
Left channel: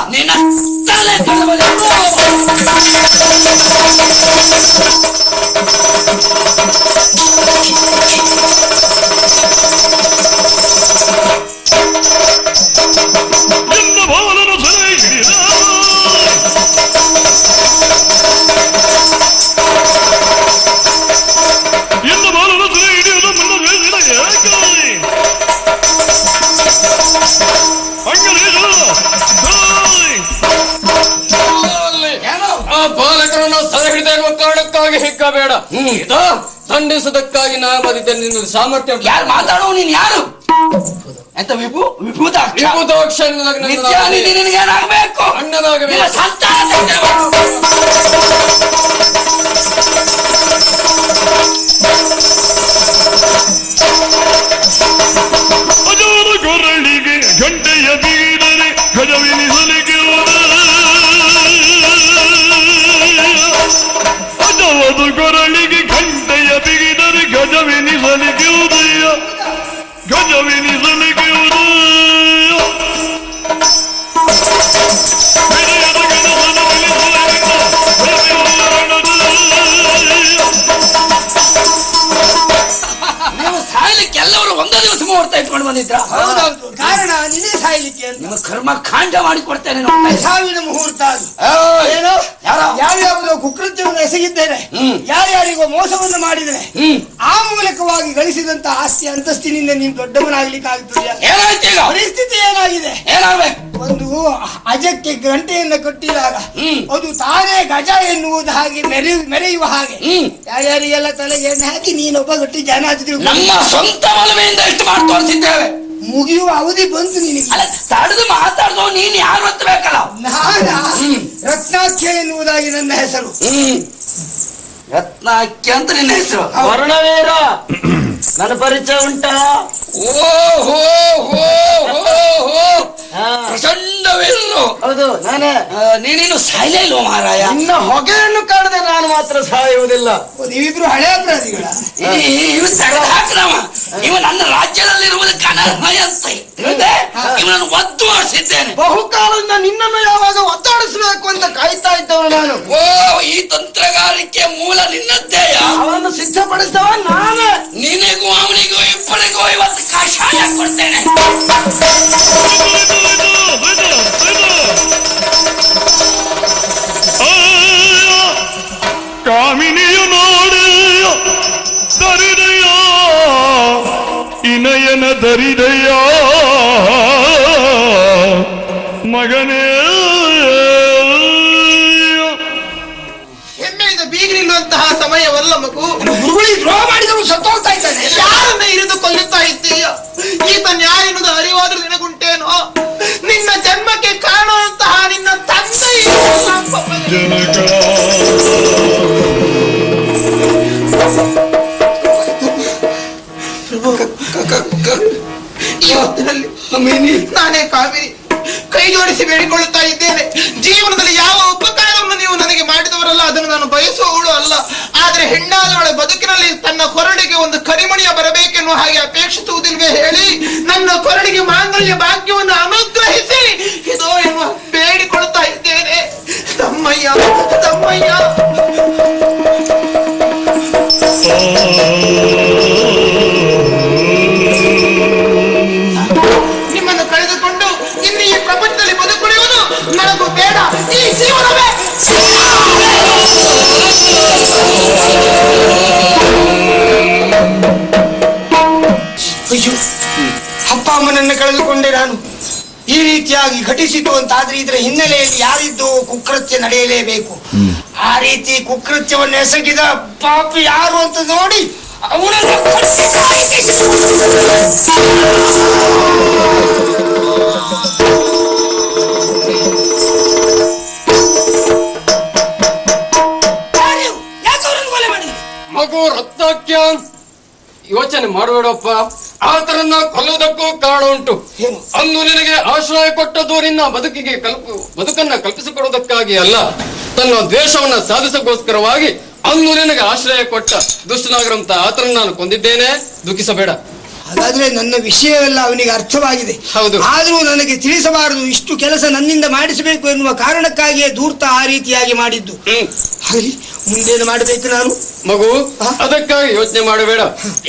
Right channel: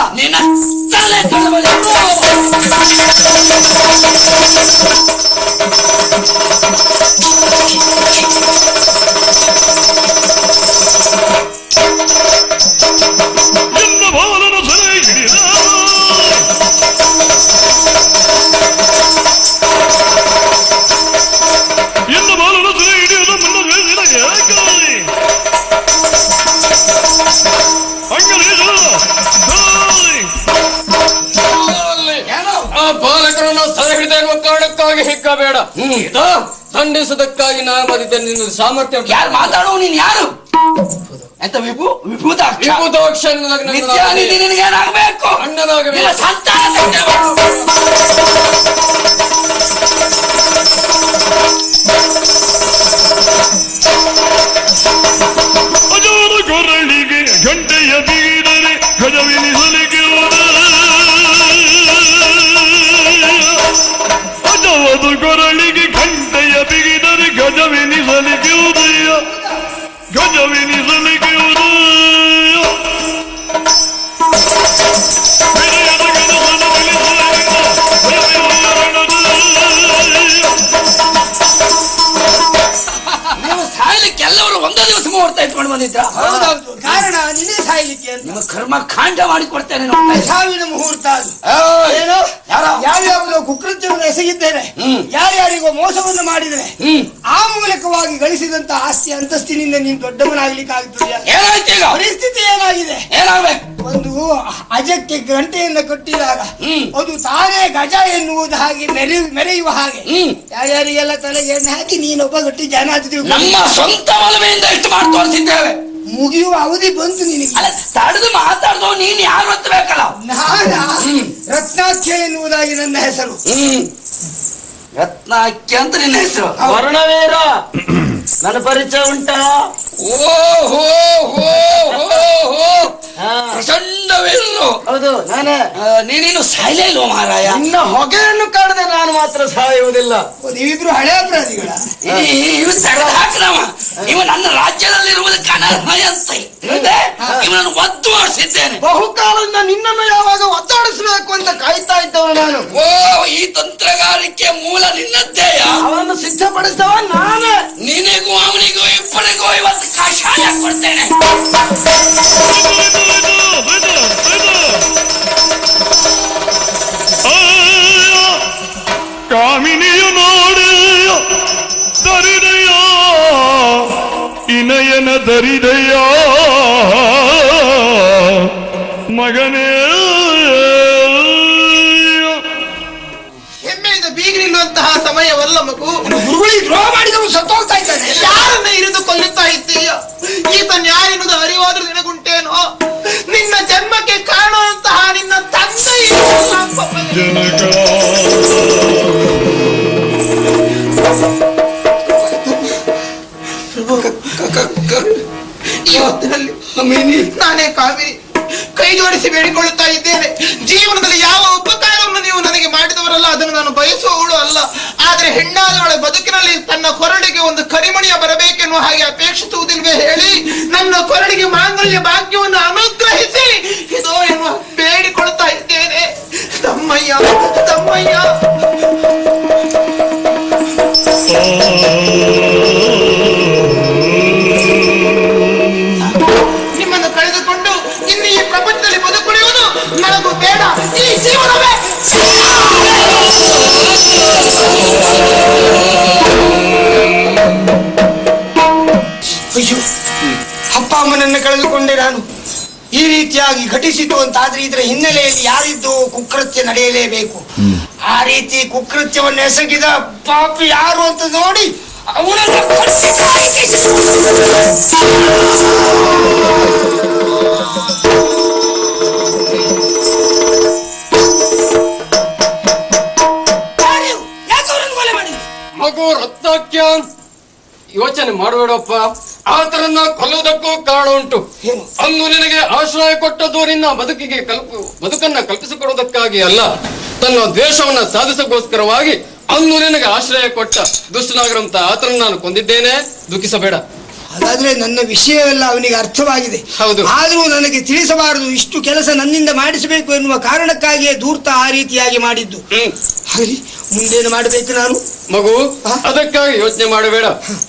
ಖಂಡಿಸುವುದಕ್ಕಾಗಿ ನಾನು ಬಂದಿದ್ದೆ. ನಿನ್ನ ಸಾಮರ್ಥ್ಯ ಯಾರು ಮಾತಾಡೋನು? ಯಾರು ಎಂತ ಬೇಕು? Hey! ಖಾಂಡ ಮಾಡಿಕೊಡ್ತೇನೆ ನೋಡ್ತಾ ಇರು. ಸಾವಿನ ಮುಹೂರ್ತ ಅದು. ಏನು ಯಾವ್ಯಾವುದೋ ಕುಕೃತ್ಯವನ್ನು ಎಸಗಿದ್ದೇವೆ, ಯಾರ್ಯಾರಿಗೋ ಮೋಸವನ್ನು ಮಾಡಿದ್ದೇವೆ, ಆ ಮೂಲಕವಾಗಿ ಗಳಿಸಿದಂತ ಆಸ್ತಿ ಅಂತಸ್ತಿನಿಂದ ನೀನು ದೊಡ್ಡವನಾಗಲಿಕ್ಕಾಗ್ತದೆ. ಏನಾಯ್ತೀಗ? ಪರಿಸ್ಥಿತಿ ಏನಾಗಿದೆ? ಏನಾವೆ? ಒಂದು ಅಜಕ್ಕೆ ಗಂಟೆಯನ್ನು ಕಟ್ಟಿದಾಗ ಒಂದು ತಾನೇ ಗಜ ಎನ್ನುವುದು ಹಾಗೆ ಮೆರೆಯುವ ಹಾಗೆ ಯಾರ್ಯಾರಿಗೆಲ್ಲ ತಲೆಗೆ ಹಾಕಿ ನೀನೊಬ್ಬ ಗಟ್ಟಿ ಜನ ನಮ್ಮ ಸ್ವಂತ ಒಲವೆಯಿಂದ ಇಷ್ಟು ಮಾಡ್ಕೊಳ್ತಿದ್ದೇವೆ. ಮುಗಿಯುವ ಅವಧಿ ಬಂದು ತಡೆದು ಮಾತಾಡೋ ನೀನ್ ಯಾರು ಅಂತ ಬೇಕಲ್ಲ. ನಾನ ರತ್ನಾಖ್ಯ ಎನ್ನುವುದಾಗಿ ನನ್ನ ಹೆಸರು. ರತ್ನಾಖ್ಯ ಅಂತ ನಿನ್ನ ಹೆಸರು? ವರ್ಣವೀರ ನನ್ನ ಪರಿಚಯ ಉಂಟಾ? ಓಹೋ ಪ್ರಚಂಡವೇನು? ಹೌದು ನಾನೇ. ನೀನು ಸಾಯಲ್ವ ಮಾರಾಯ? ಇನ್ನ ಹೊಗೆಯನ್ನು ಕಂಡ್ರೆ ನಾನು ಮಾತ್ರ ಸಾಯುವುದಿಲ್ಲ. ಇವ್ರು ಹಳೆಯ ಪ್ರಾಣಿಗಳ ಇವ್ನು ತಡೆದಾಕ್ರಮ. ಇವ್ನು ನನ್ನ ರಾಜ್ಯದಲ್ಲಿ ಇವನನ್ನು ಒತ್ತು ಮಾಡಿಸಿದ್ದೇನೆ. ಬಹುಕಾಲದಿಂದ ನಿನ್ನನ್ನು ಯಾವಾಗ ಒತ್ತಾಡಿಸಬೇಕು ಅಂತ ಕಾಯ್ತಾ ಇದ್ದವ ನಾನು. ಓ, ಈ ತಂತ್ರಗಾರಿಕೆ ಮೂಲ ನಿನ್ನದ್ದೇಯ? ಅವನು ಸಿದ್ಧಪಡಿಸವ ನಾನೇ. ನಿನಗೂ ಅವನಿಗೂ ಇಬ್ಬರಿಗೂ ಇವತ್ತು ಕಷಾಯ ಕೊಡ್ತೇನೆ. ಕಾಮಿನಿಯ ಮಾಡಿಯ ತರಿದೆಯ ಇನಯನ ತರಿದೆಯ ಮಗನೇ ಹೆಮ್ಮೆಯಿಂದ ಬೀರಿರುವಂತಹ ಸಮಯವಲ್ಲ ಮಗು. ರೋಮಾಂಚವು ಸತ್ತೋಗ್ತಾ ಇದ್ದಾರೆ. ಯಾರನ್ನ ಹಿಡಿದು ಕೊಲ್ಲುತ್ತಾ ಇದ್ದೀಯ? ಈತ ನ್ಯಾಯದ ಅರಿವಾದ್ರೂ ನಿನಗುಂಟೇನೋ? ನಿನ್ನ ಜನ್ಮಕ್ಕೆ ಕಾಣುವಂತಹ ನಿನ್ನ ತಂದೆ ಜನಕ ನಾನೇ ಕಾವಿ ಕೈ ತೋರಿಸಿ ಬೇಡಿಕೊಳ್ಳುತ್ತಾ ಇದ್ದೇನೆ. ಜೀವನದಲ್ಲಿ ಯಾವ ಉಪಕಾರವನ್ನು ನೀವು ನನಗೆ ಮಾಡಿದವರಲ್ಲ, ಅದನ್ನು ನಾನು ಬಯಸುವವಳು ಅಲ್ಲ. ಆದ್ರೆ ಹೆಣ್ಣಾದವಳ ಬದುಕಿನಲ್ಲಿ ತನ್ನ ಕೊರಳಿಗೆ ಒಂದು ಕರಿಮಣಿಯ ಬರಬೇಕೆನ್ನುವ ಹಾಗೆ ಅಪೇಕ್ಷಿಸುವುದಿಲ್ವೇ ಹೇಳಿ ನನ್ನ ಕೊರಳಿಗೆ ಮಾಂಗಲ್ಯ ಭಾಗ್ಯವನ್ನು ಅನುಗ್ರಹಿಸಿ ಇದೋ ಎನ್ನುವ ಬೇಡಿಕೊಳ್ತಾ ಇದ್ದೇನೆ. ತಮ್ಮಯ್ಯ ತಮ್ಮಯ್ಯ. ನಿಮ್ಮನ್ನು ಕಳೆದುಕೊಂಡು ಇನ್ನು ಈ ಪ್ರಪಂಚದಲ್ಲಿ ಬದುಕುಳಿಯುವುದು ನನಗೂ ಬೇಡ. ಈ ಜೀವನವೇ ಅಯ್ಯೋ, ಅಪ್ಪ ಅಮ್ಮನನ್ನು ಕಳೆದುಕೊಂಡೆ ನಾನು. ಈ ರೀತಿಯಾಗಿ ಘಟಿಸಿತು ಅಂತಾದ್ರೆ ಇದರ ಹಿನ್ನೆಲೆಯಲ್ಲಿ ಯಾರಿದ್ದು ಕುಕೃತ್ಯ ನಡೆಯಲೇಬೇಕು. ಆ ರೀತಿ ಕುಕೃತ್ಯವನ್ನು ಎಸಗಿದ ಪಾಪಿ ಯಾರು ಅಂತ ನೋಡಿ ಅವನನ್ನು ಮಗು ರತ್ನಾಖ್ಯ, ಯೋಚನೆ ಮಾಡೋಣಪ್ಪ. ಆತನನ್ನ ಕೊಲ್ಲೋದಕ್ಕೂ ಕಾರಣ ಉಂಟು. ಅಂದು ನಿನಗೆ ಆಶ್ರಯ ಕೊಟ್ಟದ್ದು ನಿನ್ನ ಬದುಕನ್ನ ಕಲ್ಪಿಸಿಕೊಡೋದಕ್ಕಾಗಿ ಅಲ್ಲ, ತನ್ನ ದ್ವೇಷವನ್ನ ಸಾಧಿಸೋಕ್ಕೋಸ್ಕರವಾಗಿ ಅಂದು ನಿನಗೆ ಆಶ್ರಯ ಕೊಟ್ಟ ದುಷ್ಟನಾಗಿರುವಂತ ಆತನನ್ನ ನಾನು ಕೊಂದಿದ್ದೇನೆ. ದುಃಖಿಸಬೇಡ. ಅದಲ್ಲೇ ನನ್ನ ವಿಷಯವೆಲ್ಲ ಅವನಿಗೆ ಅರ್ಥವಾಗಿದೆ. ಹೌದು. ಆದರೂ ನನಗೆ ತಿಳಿಸಬಾರದು. ಇಷ್ಟು ಕೆಲಸ ನನ್ನಿಂದ ಮಾಡಿಸಬೇಕು ಎನ್ನುವ ಕಾರಣಕ್ಕಾಗಿಯೇ ಧೂರ್ತ ಆ ರೀತಿಯಾಗಿ ಮಾಡಿದ್ದು. ಮುಂದೇನು ಮಾಡಬೇಕು ನಾನು? ಮಗು, ಅದಕ್ಕಾಗಿ ಯೋಚನೆ ಮಾಡಬೇಡ.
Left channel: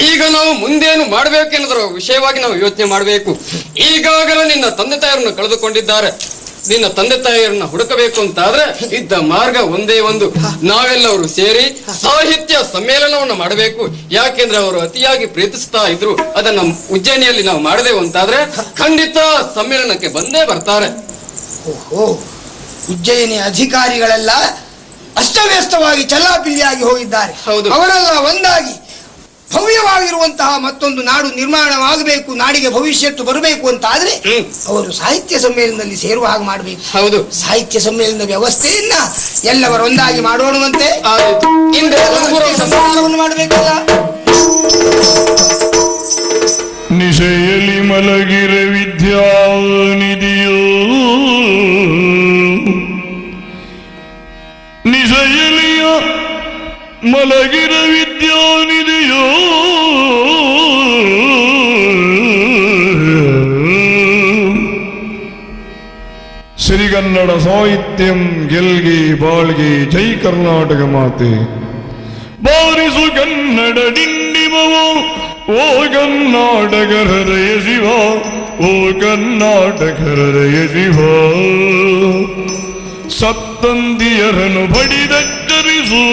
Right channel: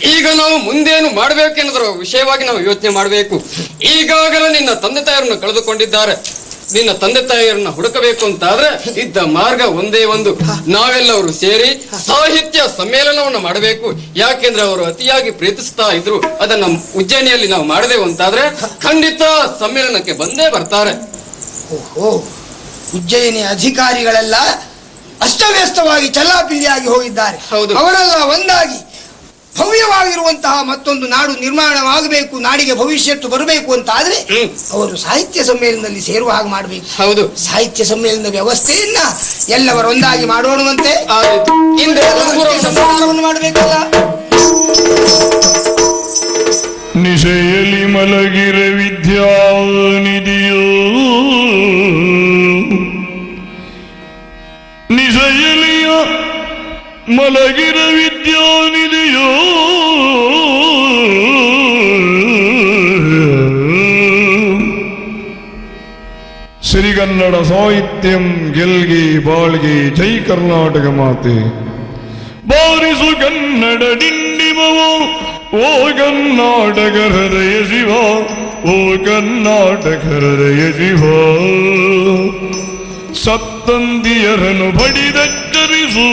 ಈಗ ನಾವು ಮುಂದೇನು ಮಾಡಬೇಕೆಂಬುದರ ವಿಷಯವಾಗಿ ನಾವು ಯೋಚನೆ ಮಾಡಬೇಕು. ಈಗಾಗಲೇ ನಿನ್ನ ತಂದೆ ತಾಯಿಯನ್ನು ಕಳೆದುಕೊಂಡಿದ್ದಾರೆ. ನಿನ್ನ ತಂದೆ ತಾಯಿಯರನ್ನ ಹುಡುಕಬೇಕು ಅಂತಾದ್ರೆ ಇದ್ದ ಮಾರ್ಗ ಒಂದೇ ಒಂದು. ನಾವೆಲ್ಲರೂ ಸೇರಿ ಸಾಹಿತ್ಯ ಸಮ್ಮೇಳನವನ್ನು ಮಾಡಬೇಕು. ಯಾಕೆಂದ್ರೆ ಅವರು ಅತಿಯಾಗಿ ಪ್ರೀತಿಸ್ತಾ ಇದ್ರು. ಅದನ್ನ ಉಜ್ಜಯಿನಿಯಲ್ಲಿ ನಾವು ಮಾಡಬೇಕು ಅಂತಾದ್ರೆ ಖಂಡಿತ ಸಮ್ಮೇಳನಕ್ಕೆ ಬಂದೇ ಬರ್ತಾರೆ. ಓಹೋ, ಉಜ್ಜಯಿನಿ ಅಧಿಕಾರಿಗಳೆಲ್ಲ ಅಸ್ತವ್ಯಸ್ತವಾಗಿ ಚಲಾಪಿಲಿಯಾಗಿ ಹೋಗಿದ್ದಾರೆ. ಹೌದು. ಅವರೆಲ್ಲ ಒಂದಾಗಿ ಭವ್ಯವಾಗಿರುವಂತಹ ಮತ್ತೊಂದು ನಾಡು ನಿರ್ಮಾಣವಾಗಬೇಕು, ನಾಡಿಗೆ ಭವಿಷ್ಯತ್ತು ಬರಬೇಕು ಅಂತ ಆದ್ರೆ ಅವರು ಸಾಹಿತ್ಯ ಸಮ್ಮೇಳನದಲ್ಲಿ ಸೇರುವ ಹಾಗೆ ಮಾಡಬೇಕು. ಹೌದು. ಸಾಹಿತ್ಯ ಸಮ್ಮೇಳನದ ವ್ಯವಸ್ಥೆಯನ್ನ ಎಲ್ಲವರು ಒಂದಾಗಿ ಮಾಡೋಣಂತೆ. ಮಾಡಬೇಕಲ್ಲ. ನಿಶೆಯಲ್ಲಿ ಮಲಗಿರ ವಿದ್ಯಾನಿಧಿಯೋ ನಿಶೆಯಲ್ಲಿಯ ಮಲಗಿರ ವಿದ್ಯಾನಿಧಿಯೋ ಶ್ರೀಗನ್ನಡ ಸಾಹಿತ್ಯಂ ಗೆಲ್ಗೆ ಬಾಳ್ಗೆ ಜೈ ಕರ್ನಾಟಕ ಮಾತೆ ಬಾರಿಸು ಕನ್ನಡ ಡಿಂಡಿಮವು ಓ ಕರ್ನಾಟಕ ಹೃದಯ ಶಿವ ಓ ಕರ್ನಾಟಕ ಎದಿಹೋ ಸತ್ತಂದಿಯರನ್ನು ಬಡಿದೆಚ್ಚರಿಸು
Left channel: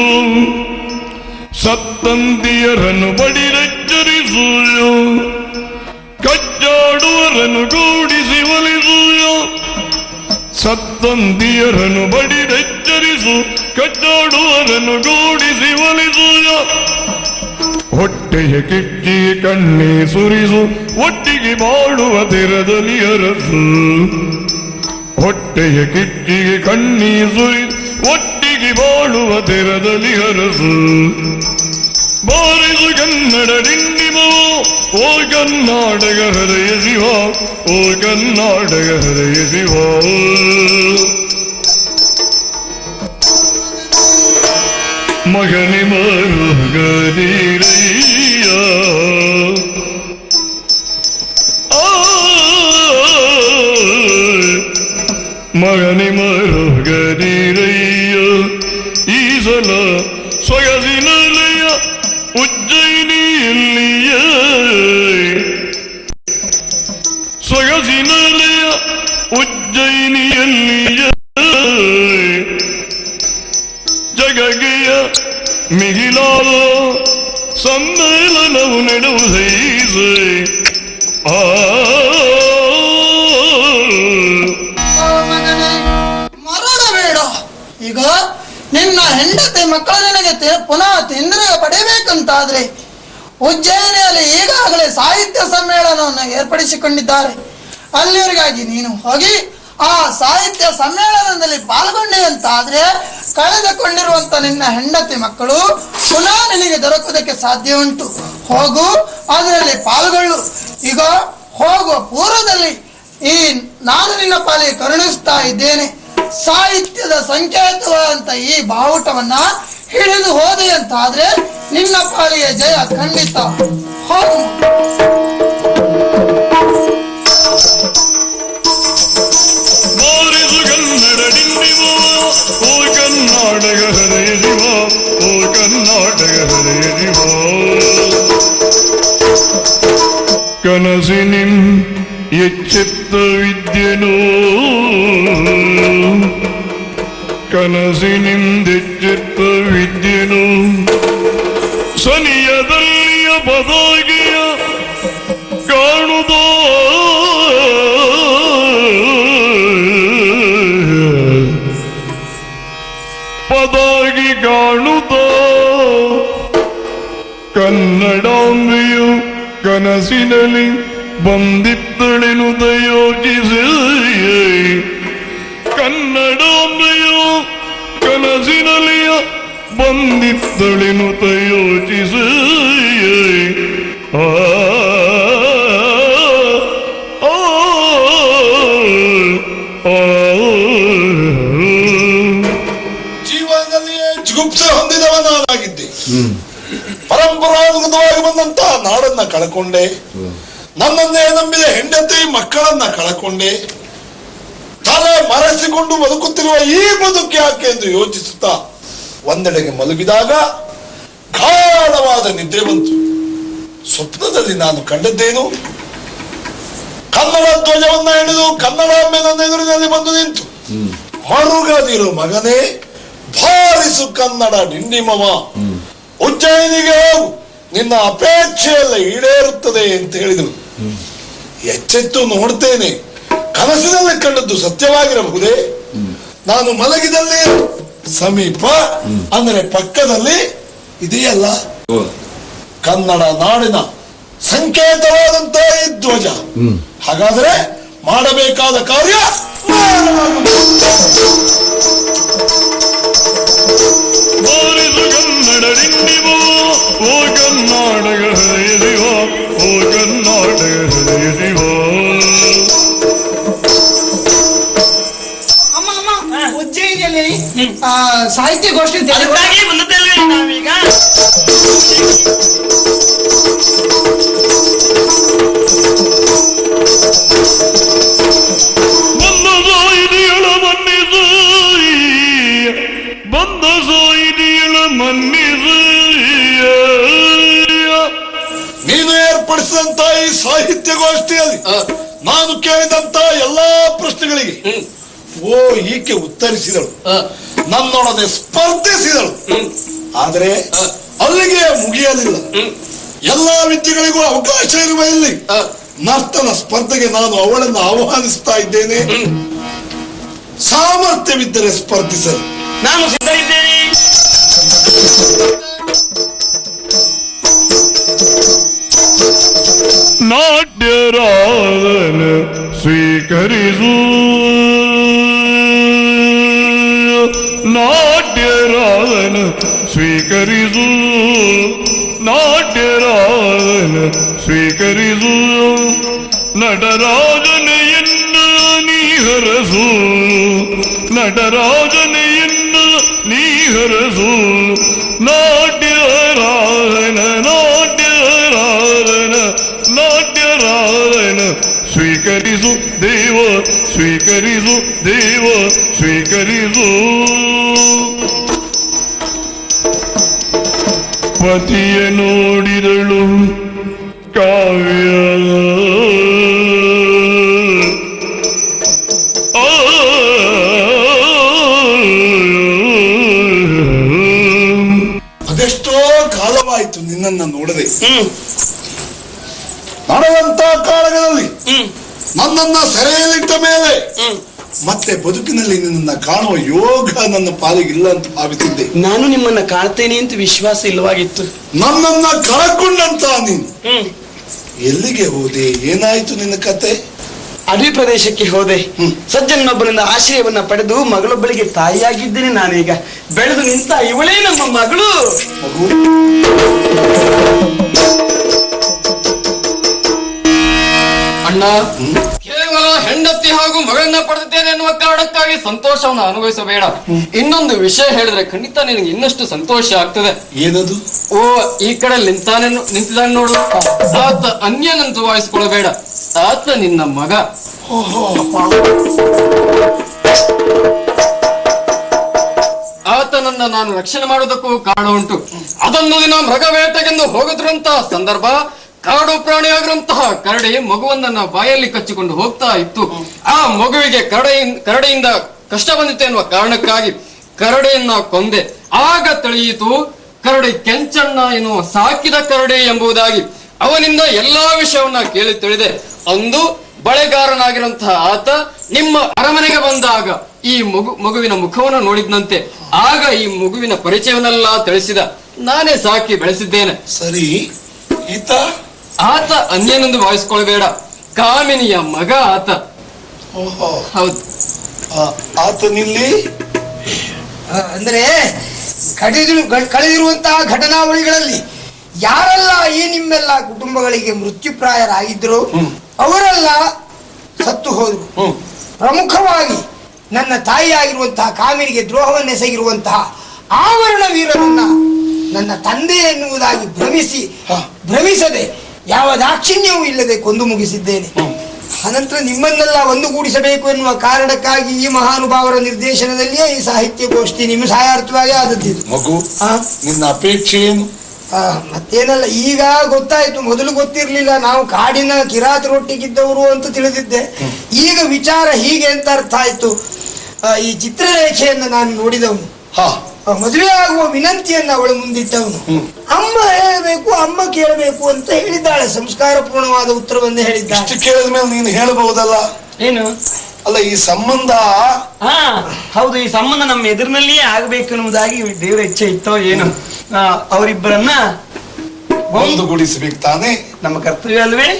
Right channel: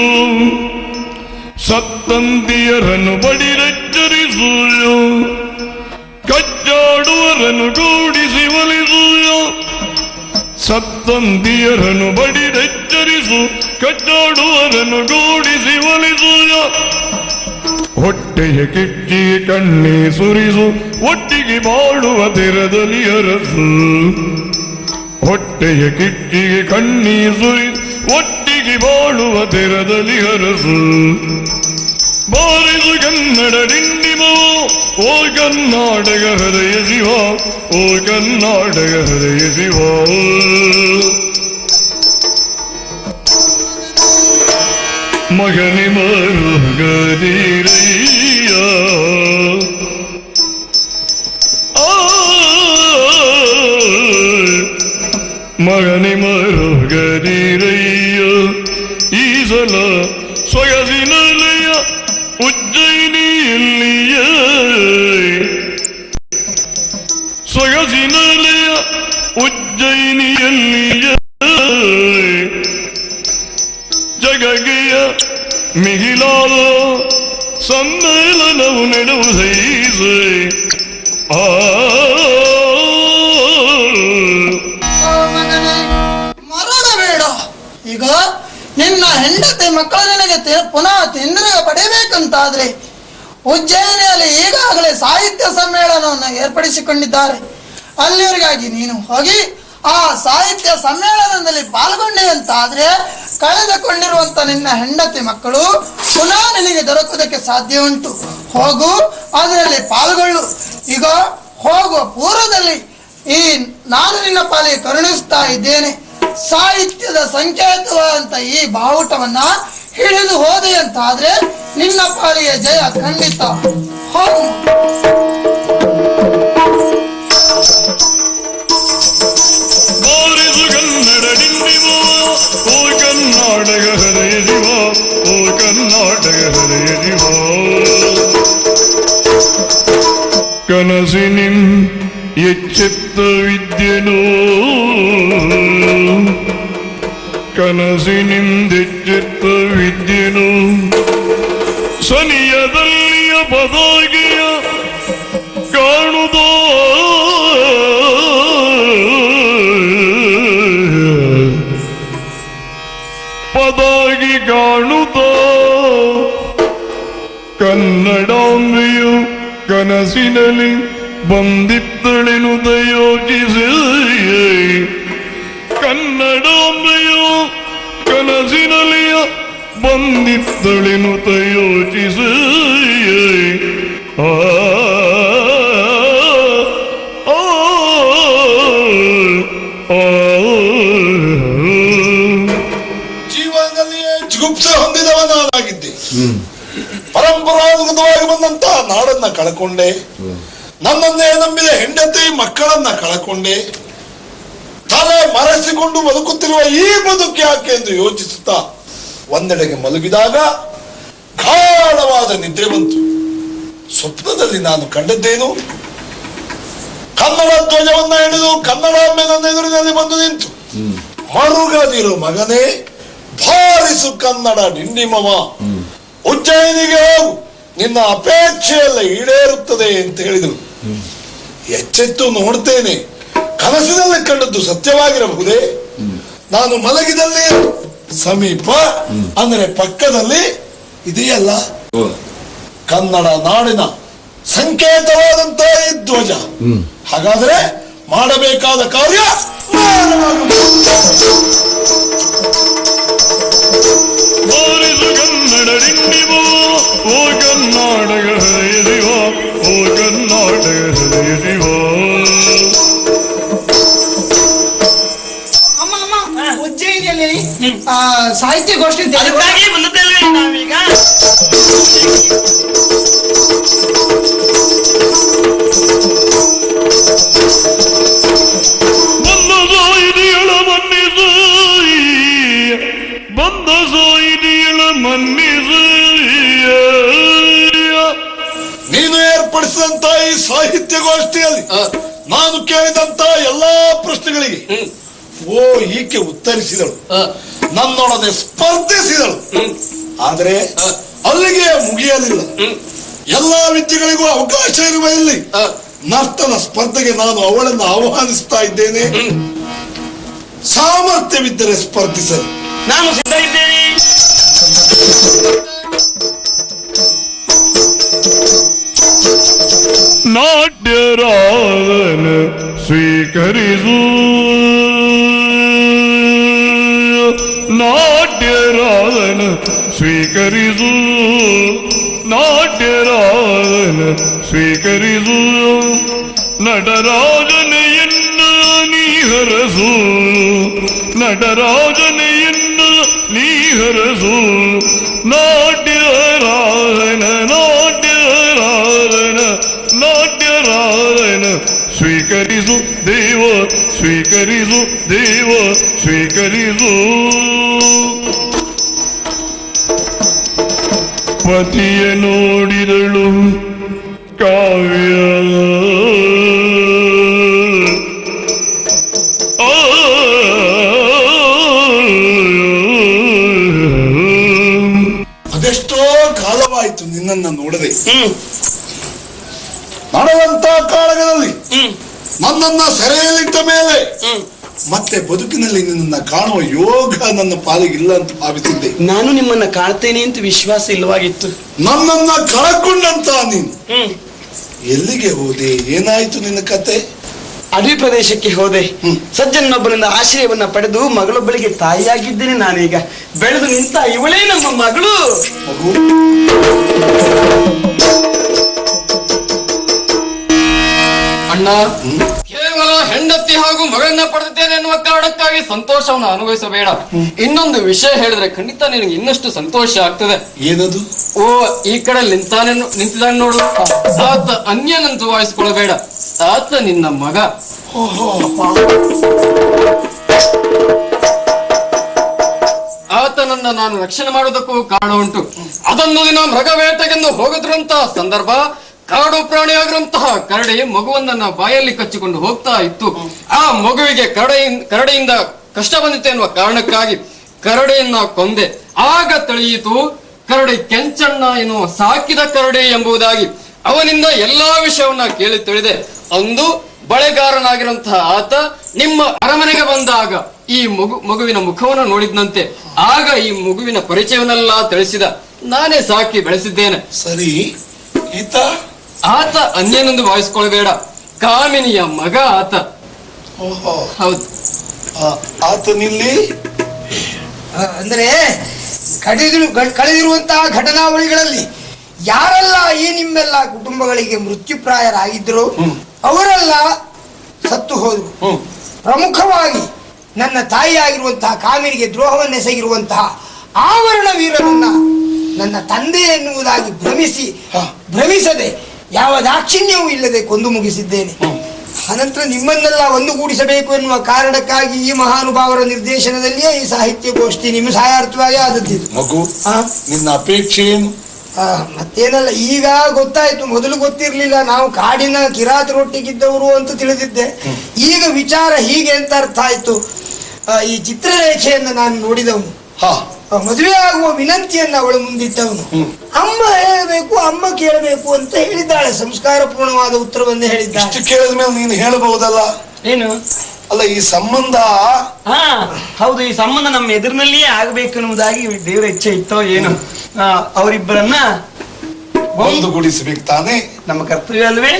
ಸತ್ತಂದಿಯರನ್ನು ಬಡಿದೆಚ್ಚರಿಸು ಕಚ್ಚಾಡುವರನ್ನು ಗೂಡಿಸಿ ಒಲಿಸು ಸತ್ತಂದಿಯರನ್ನು ಬಡಿದೆಚ್ಚರಿಸು ಕಚ್ಚಾಡುವರನ್ನು ಗೂಡಿಸಿ ಒಲಿಸು ಹೊಟ್ಟೆಯ ಕಿಚ್ಚಿ ಕಣ್ಣಿ ಸುರಿಸು ಒಟ್ಟಿಗೆ ಬಾಳುವ ತೆರದಲ್ಲಿ ಅರಸು ಹೊಟ್ಟೆಯ ಕಿಚ್ಚಿಗೆ ಕಣ್ಣಿ ಸುರಿ ಒಟ್ಟಿಗೆ ಬಾಳುವ ತೆರದಲ್ಲಿ ಅರಸು ಬಾರಿದು ಕನ್ನಡ ದಿಂಡಿಮೋ ಓ ಕರ್ನಾಟಕ ಹೃದಯದಿವ ಓ ಕರ್ನಾಟಕ ಹೃದಯದಿವ ಮಗನಿ ಮರುಗರಿಯ ಮಗನಿ ಮರುಗರಿಯ ಈ ಸಲ ಸೊಗಸಿನಲ್ಲಿಯ ಉಜ್ಜಯಿನಿಯಲ್ಲಿಯ ಸೊಗಸಿನಲ್ಲಿಯ ಉಜ್ಜಯಿನಿಯಲ್ಲಿಯ ಜಗಗೆಯ ಮಿಗಿಲಾದ ಸಮ್ಮೇಳನವು ನಡೆಯುವುದೈದೆ ಮರಬೇಡ. ಈಗ ನಿನ್ನ ಹೆಂಡತಿ ಮಕ್ಕಳ ಜೊತೆ ಪುನಃ ತಿಂದ್ರೆ ಪಡೆಯಬೇಕಂತಾದ್ರೆ ಉಜ್ಜಯಿನಿಯಲ್ಲಿ ಈಗಾಗಲೇ ಸಾಹಿತ್ಯ ಸಮ್ಮೇಳನವನ್ನು ಏರ್ಪಡಿಸಿಕೊಂಡಿದ್ದಾರೆ. ಅಲ್ಲಿವರೆಗಾಗಿ ನೀನು ಹೋಗಿ ಆ ಸಾಹಿತ್ಯ ಸಮ್ಮೇಳನದಲ್ಲಿ ಪಾಲ್ಗೊಂಡೆ ಅಂತಾದ್ರೆ ಕಳೆದುಕೊಂಡಿರುವಂತ ನಿನ್ನ ಹೆಂಡತಿ ಮಕ್ಕಳು ಪುನಃ ನಿನಗೆ ದೊರಕುವುದಕ್ಕೆ ಸಾಧ್ಯ ಉಂಟು. ಹೋಗು, ಅದರಲ್ಲಿ ಪಾಲ್ಗೊಳ್ಳು. ಈಗ ಹೋಗುವ ಪೂರ್ವದಲ್ಲಿ ಈ ನಾನು ನಿನ್ನ ಪಾಲಿಗೆ ಕರುಣಿಸ್ತಾ ಇದ್ದೇನೆ. ಸಾಹಿತ್ಯದ ಸಂಕೇತವಾದಂತ ಈ ಬಾವುಟವನ್ನ ಹಿಡಿದು ಹೋದೆ ಅಂತಾದ್ರೆ ನಿನ್ನ ಪಾಲಿಗೆ ಜಯ ಖಂಡಿತ. ಹೋಗು. ಕನಸಿನಿ ಎಚ್ಚೆತ್ತ ವಿದ್ಯೆನೋ ಕನಸಿನಿಂದೆಚ್ಚೆತ್ತ ವಿದ್ಯೆನೋ ಸರಿಯದಲ್ಲಿಯ ಪದಾಗಿಯ ಕಾಣುದೋ ಪದಾಗಿ ಕಾಣುದೋ ಕನ್ನಡಾಂಬೆಯು ಕನಸಿನಲ್ಲಿ ಬಂದಿದ್ದಳೆನುದ ಯೋಚಿಸಿ ಕನ್ನಡಾಂಬೆಯು ಕನಸಿನಲ್ಲಿಯ ಬಂದಿದ್ದಳೆನುದ ಯೋಚಿಸಿ ಜೀವನದಲ್ಲಿಯೇ ಜುಗುಪ್ಸೆ ಹೊಂದಿದವನಾಗಿದ್ದೆ. ಪರಂಪರಾಗತವಾಗಿ ಬಂದಂತಹ ನಾಡನ್ನ ಕಳ್ಕೊಂಡೆ. ನನ್ನನ್ನೇ ನಂಬಿದ ಹೆಂಡತಿ ಮಕ್ಕಳನ್ನ ಕಳ್ಕೊಂಡೆ. ತಾನೇ ಮರೆಸಿಕೊಂಡು ಬದುಕುತ್ತಿರುವ ಈ ಬದುಕು ಯಾಕೆ ಎಂದು ಯೋಚಿಸುತ್ತಾ ಒಂದೆಡೆಗೆ ಮಲಗಿದಾಗ ಗಾಢವಾದ ನಿದ್ದೆ ಬಂತು. ಸ್ವಪ್ನದಲ್ಲಿ ನಾನು ಕಂಡದ್ದೇನು, ಕನ್ನಡ ಧ್ವಜವನ್ನು ಹಿಡಿದು ಕನ್ನಡ ಎದುರಿನಲ್ಲಿ ಬಂದು ನಿಂತು ಮಾಡುಗದಿರು ಮಗನೇ ಭಾರಿಸು ಕನ್ನಡ ನಿನ್ನಿಮವ ಉಜ್ಜಯಿನಿಗೆ ಹೋಗು, ನಿನ್ನ ಅಪೇಕ್ಷೆಯಲ್ಲ ಈಡೇರುತ್ತದೆ ಅಂತ ಹೇಳಿದರು. ಎಚ್ಚೆತ್ತು ನೋಡ್ತೇನೆ, ಕನಸಿನಲ್ಲಿ ಕಂಡದ್ದು ಸತ್ಯವಾಗಿರಬಹುದೇ? ನಾನು ಮಲಗಿದಲ್ಲಿ ಸಮೀಪ ಅಂದ್ರೆ ಪಕ್ಕದಲ್ಲಿ ಇದೆಯಲ್ಲ ಕನ್ನಡ ನಾಡಿನ ಸಂಕೇತವಾದಂತಹ ಈ ಧ್ವಜ. ಹಾಗಾದ್ರೆ ಮಾಡಬೇಕಾದ ಕಾರ್ಯ ಉಜ್ಜಯಿನಿಯಲ್ಲಿ ಸಾಹಿತ್ಯ ಗೋಷ್ಠಿ ಉತ್ತರಿಸಿದರು, ನನ್ನೊಡನೆ ಸ್ಪರ್ಧಿಸಿದರು. ಆದರೆ ಅಲ್ಲಿಗೆ ಮುಗಿಯಲಿಲ್ಲ. ಎಲ್ಲಾ ವಿದ್ಯೆಗಳಿಗೂ ಅವಕಾಶ ಇರುವ ಇಲ್ಲಿ ನರ್ತನ ಸ್ಪರ್ಧೆಗೆ ನಾನು ಅವಳನ್ನು ಆಹ್ವಾನಿಸ್ತಾ ಇದ್ದೇನೆ. ಸಾಮರ್ಥ್ಯವಿದ್ದರೆ ಸ್ಪರ್ಧಿಸಲು ನಾನು ಸಿದ್ಧ ಇದ್ದೇನೆ. ನಾಟ್ಯರಾನ ಸ್ವೀಕರಿಸು, ನಾಟ್ಯರಾನ ಸ್ವೀಕರಿಸು, ನಾಟ್ಯರಾನ ಸ್ವೀಕರಿಸು, ನಟರಾಜನೆಯನ್ನು ನೀಹರಸು, ನಟರಾಜನೆಯನ್ನು ನೀಹರಸು, ನಾಟ್ಯರಾಯಣ ನಾಟ್ಯರಾಯಣ ನಾಟ್ಯರಾಯಣ ಸ್ವೀಕರಿಸು ದೇವ, ಸ್ವೀಕರಿಸು ದೇವ, ಸ್ವೀಕರಿಸು. ಪತಿಯ ನೋಡಿದಳು ಕಾವ್ಯ, ಅದೆಷ್ಟೋ ಕಾಲವಾಯಿತು ನಿನ್ನನ್ನು ನೋಡದೆ. ಬರುವಂತ ಕಾಲಗಳಲ್ಲಿ ನನ್ನನ್ನ ಸೆರೆಯಲ್ಲಿಟ್ಟ ಮೇಲೆ ಮತ್ತೆ ಬದುಕಿನಲ್ಲಿ ನಿನ್ನ ಕಾಣುವ ಯೋಗ ನನ್ನ ಪಾಲಿಗೆ ಇಲ್ಲ ಅಂತ ಭಾವಿಸಿದ್ದೆ. ನಾನು ನಿಮ್ಮನ್ನ ಕಾಣ್ತೇನೆ ಅಂತ ವಿಶ್ವಾಸ ಇಲ್ವಾಗಿತ್ತು. ನನ್ನನ್ನ ಕಾಯ್ಕೊಂಡಂತ ನೀನು ಎಲ್ಲಿಗೆ ಹೋದೆ? ಏನಾಯ್ತು ನಿನ್ನ ಕತೆ? ಅಡಿ ಪ್ರದೇಶಕ್ಕೆ ಹೋದೆ. ಸಜ್ಜನೊಬ್ಬರನ್ನ ಆಶ್ರಯವನ್ನ ಪಡೆದು ಮಗಳೊಬ್ಬರಿಗೆ ತಾಯಿಯಾಗಿದ್ದೇನೆ. ನಾನೀಗ ಬೆಳೆದು ನಿಂತ ಇವಳೇ ನಮ್ಮ ಮಗಳು. ಅಣ್ಣ, ಕೇವಲ ಹೆಂಡತಿ ಹಾಗೂ ಮಗಳನ್ನ ಪಡೆದಿದ್ದೇನೆ ಎನ್ನುವ ಕಾರಣಕ್ಕಾಗಿ ಸಂತೋಷವನ್ನು ಅನುಭವಿಸಬೇಡ. ಇನ್ನೊಂದು ವಿಷಯ ಹೇಳಿದ್ರೆ ಖಂಡಿತ ನಿನಗೆ ಇನ್ನಷ್ಟು ಸಂತೋಷ ಆಗ್ತದೆ. ಏನದು? ಓ, ಈ ಕಡೆ ನಿಂತಿದ್ದಾನೆ ನೋಡು, ಆತ ಅನ್ಯನಂತೂ ವಾಯಿಸ್ಕೊಳ್ಬೇಡ. ಆತ ನಿನ್ನ ಮಗ. ಆತನನ್ನ ನಾನು ರಕ್ಷಣೆ ಮಾಡೋದಕ್ಕೂ ಕಾರಣ ಉಂಟು. ಅದನ್ನು ನಿನ್ನ ಮಗ ಬೇಟೆಗೆಂದು ಹೋಗುತ್ತಿರುವಂತಹ ಸಂದರ್ಭ ಕಾಡು ಪ್ರಾಣಿಯಾಗಿರುವಂತಹ ಕರಡಿ ಮಗುವನ್ನ ಬಾಯಲ್ಲಿ ಕಚ್ಚಿಕೊಂಡು ಹೋಗ್ತಾ ಇತ್ತು. ಆ ಮಗುವಿಗೆ ಕರಡಿಯಿಂದ ಕಷ್ಟ ಬಂದಿತ್ತು ಎನ್ನುವ ಕಾರಣಕ್ಕಾಗಿ ಕರಡಿಯನ್ನ ಕೊಂದೆ. ಆಗ ತಿಳಿಯಿತು ಕರಡಿ ಕೆಂಚಣ್ಣ ಎನ್ನುವ ಸಾಕಿದ ಕರಡಿ ಎಂಬುದಾಗಿ. ಅವನಿಂದ ಎಲ್ಲಾ ವಿಷಯವನ್ನ ಕೇಳಿ ತಿಳಿದೆ. ಅಂದು ಬಳೆಗಾರನಾಗಿರುವಂತಹ ಆತ ನಿಮ್ಮ ಅರಮನೆಗೆ ಬಂದಾಗ ಈ ಮಗುವಿನ ಮುಖವನ್ನು ನೋಡಿದಂತೆ. ಆಗ ಈ ಮಗುವಿನ ಪರಿಚಯವನ್ನೆಲ್ಲ ತಿಳಿಸಿದ. ನಾನೇ ಸಾಕಿ ಬೆಳೆಸಿದ್ದೇನೆ. ಸರಿ, ಈತ ಆತ ಅನ್ಯನೆಂದು ಭಾವಿಸ್ಕೊಳ್ಬೇಡ. ಕಾಮಿನಿಯ ಮಗ ಆತ. ಹೌದು. ಆತನಿಲ್ಲಿ ಅಂದ್ರೆ ಕಳೆದಿರುವಂತಹ ಘಟನಾವಳಿಗಳಲ್ಲಿ ಯಾರೆಲ್ಲ ಈ ನಿಮ್ಮೆಲ್ಲ ಕುಟುಂಬಗಳಿಗೆ ಮೃತ್ಯುಪ್ರಾಯರಾಗಿದ್ರು ಅವರೆಲ್ಲ ಸತ್ತು ಹೋದ್ರು. ಪ್ರಮುಖವಾಗಿ ನನ್ನ ತಾಯಿಯಾಗಿರುವಂತಹ ಕಾವಿಗೆ ದ್ರೋಹವನ್ನೆಸಗಿರುವಂತಹ ಆವರಣ ವೀರರನ್ನ ನನ್ನ ತಂದೆ ಎನ್ನುವುದಾಗಿ ಭ್ರಮಿಸದೆ ಯಾವ ದಾಕ್ಷಿಣ್ಯವೂ ಇಲ್ಲದೆ ಕೊಂದು ಮುಗಿಸಿದ್ದೇನೆ. ಅನಂತರ ನಿಮ್ಮನ್ನೆಲ್ಲ ಒಂದುಗೂಡಿಸಬೇಕು ಎನ್ನುವ ಕಾರಣಕ್ಕಾಗಿ ಈ ಮಹಾನುಭಾವರ ನಿರ್ದೇಶನದಲ್ಲಿಯೇ ಈ ಸಾಹಿತ್ಯ ಗೋಷ್ಠಿ ನಿಮ್ಗೆ ಸಹಾಯಾರ್ಥವಾಗಿ ಆದದ್ದು. ಮಗು, ನಿನ್ನ ಅಪೇಕ್ಷೆ ಏನು? ಮತ್ತೇನಲ್ಲ, ಈಗ ಗೊತ್ತಾಯ್ತು. ಮೊದಲು ಗೊತ್ತಿರ್ಲಿಲ್ಲ. ನಾವು ಕಾಡಿನ ಕಿರಾತರೊಟ್ಟಿಗಿದ್ದವರು ಅಂತ ತಿಳಿದಿದ್ದೆ. ಈಗ ವಿಚಾರ ಹೀಗೆ ಅಂತ ಅರ್ಥ ಆಯ್ತು. ಈ ಚಿತ್ರರೇಖೆಯನ್ನು ನಾನು ನೋಡಿದವನು, ಮದುವೆ ಆಗುವ ವಿನಂತಿಯನ್ನು ಅವಳ ಮುಂದಿಟ್ಟವನು. ಅಮ್ಮ ಹೇಳಬೇಕು, ಅಮ್ಮ ಕೇಳಬೇಕು ಅಂತ ಹೇಳಿದ್ದಾಳೆ. ಸಂಸ್ಕಾರಪೂರ್ಣವಾದ ಉತ್ತರವನ್ನು ಹೇಳಿದ್ದಾಳೆ. ಇಷ್ಟು ಕೇಳಿದ ಮೇಲೆ ನೀನು ಹೇಳ್ಬಹುದಲ್ಲ. ಏನು? ಅಲ್ಲ, ಈ ಸಂಬಂಧ ಹೌದು, ಈ ಸಂಬಂಧ ನಮ್ಮ ಎದುರಿನಲ್ಲಿಯೇ ಆಗ್ಬೇಕು ಅನ್ನೋದಾಗಿ ದೇವ ಇಚ್ಛೆ ಇತ್ತೋ ಏನು. ಅವರಿಬ್ಬರನ್ನ ಒಂದುಗೂಡಿಸ್ಬೇಕು ತಾನೇ ನಮ್ಮ ಕರ್ತವ್ಯ ಅಲ್ವೇ?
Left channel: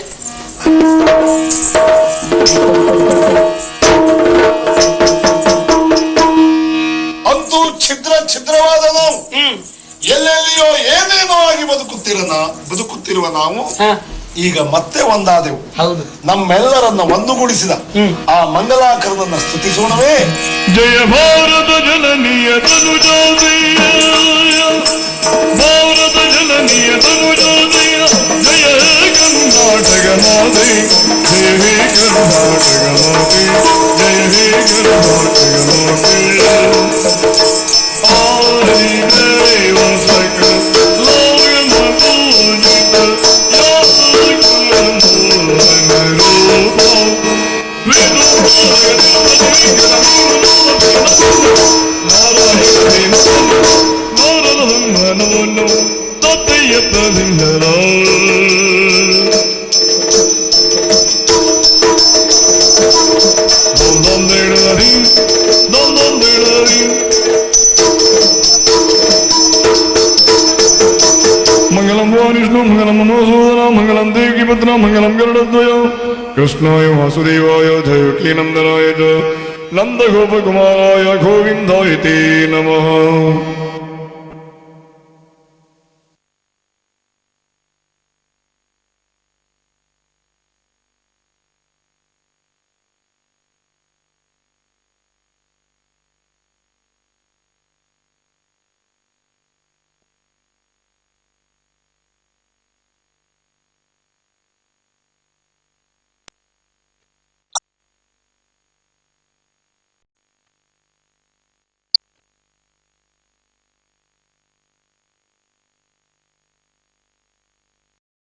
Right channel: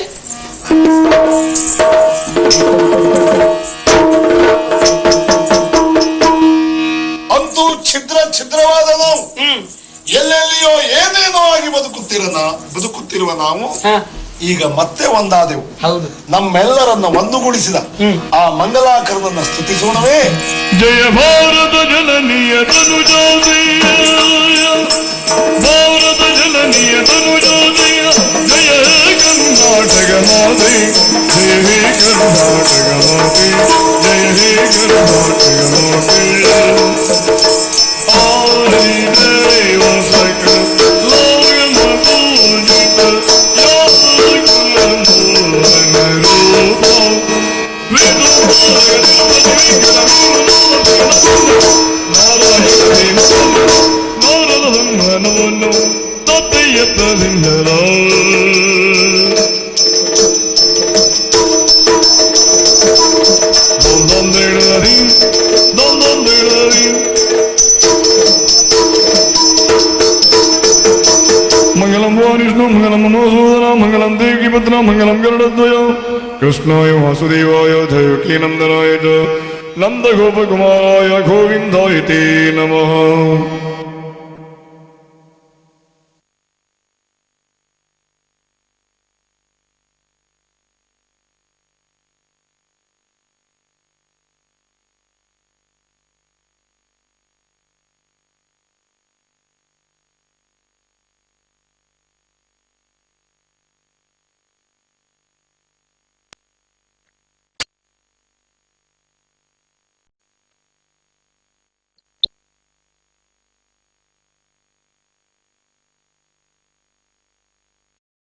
ಅಂತೂ ಛಿದ್ರವಾದನು ಎಲ್ಲೆಲ್ಲಿಯೋ ಏನೇನೋ ಆಗಿ ಬದುಕುತ್ತಿರುವ ನಾವು ಈಗ ಮತ್ತೆ ಒಂದಾದೆವು. ನಮ್ಮೆಲ್ಲರನ್ನು ಒಂದುಗೂಡಿಸಿದ ಆ ಮಂಗಲಾಕರವನ್ನು ಸ್ತುತಿಸುವವೇ. ಜಯ ಭಾರತ ಜನನಿಯ ಕರುಣಾಲಯ, ಭಾರತ ಜನನಿಯ ಕರುಣಾಲಯ, ಜಯ ಕರ್ನಾಟಕ ಮಾತೆ, ಜಯ ಕರ್ನಾಟಕ ಮಾತೆ, ಜಯ ಕರ್ನಾಟಕ ಮಾತೆ. ಆದಿ ದೇವ ಸಕಲ ಲೋಕನ ಪೂಜಿತ ಯಾರಿ ಕುಲಮೋಹನ ರೂಪ ಗೋಪಕುಮಾರ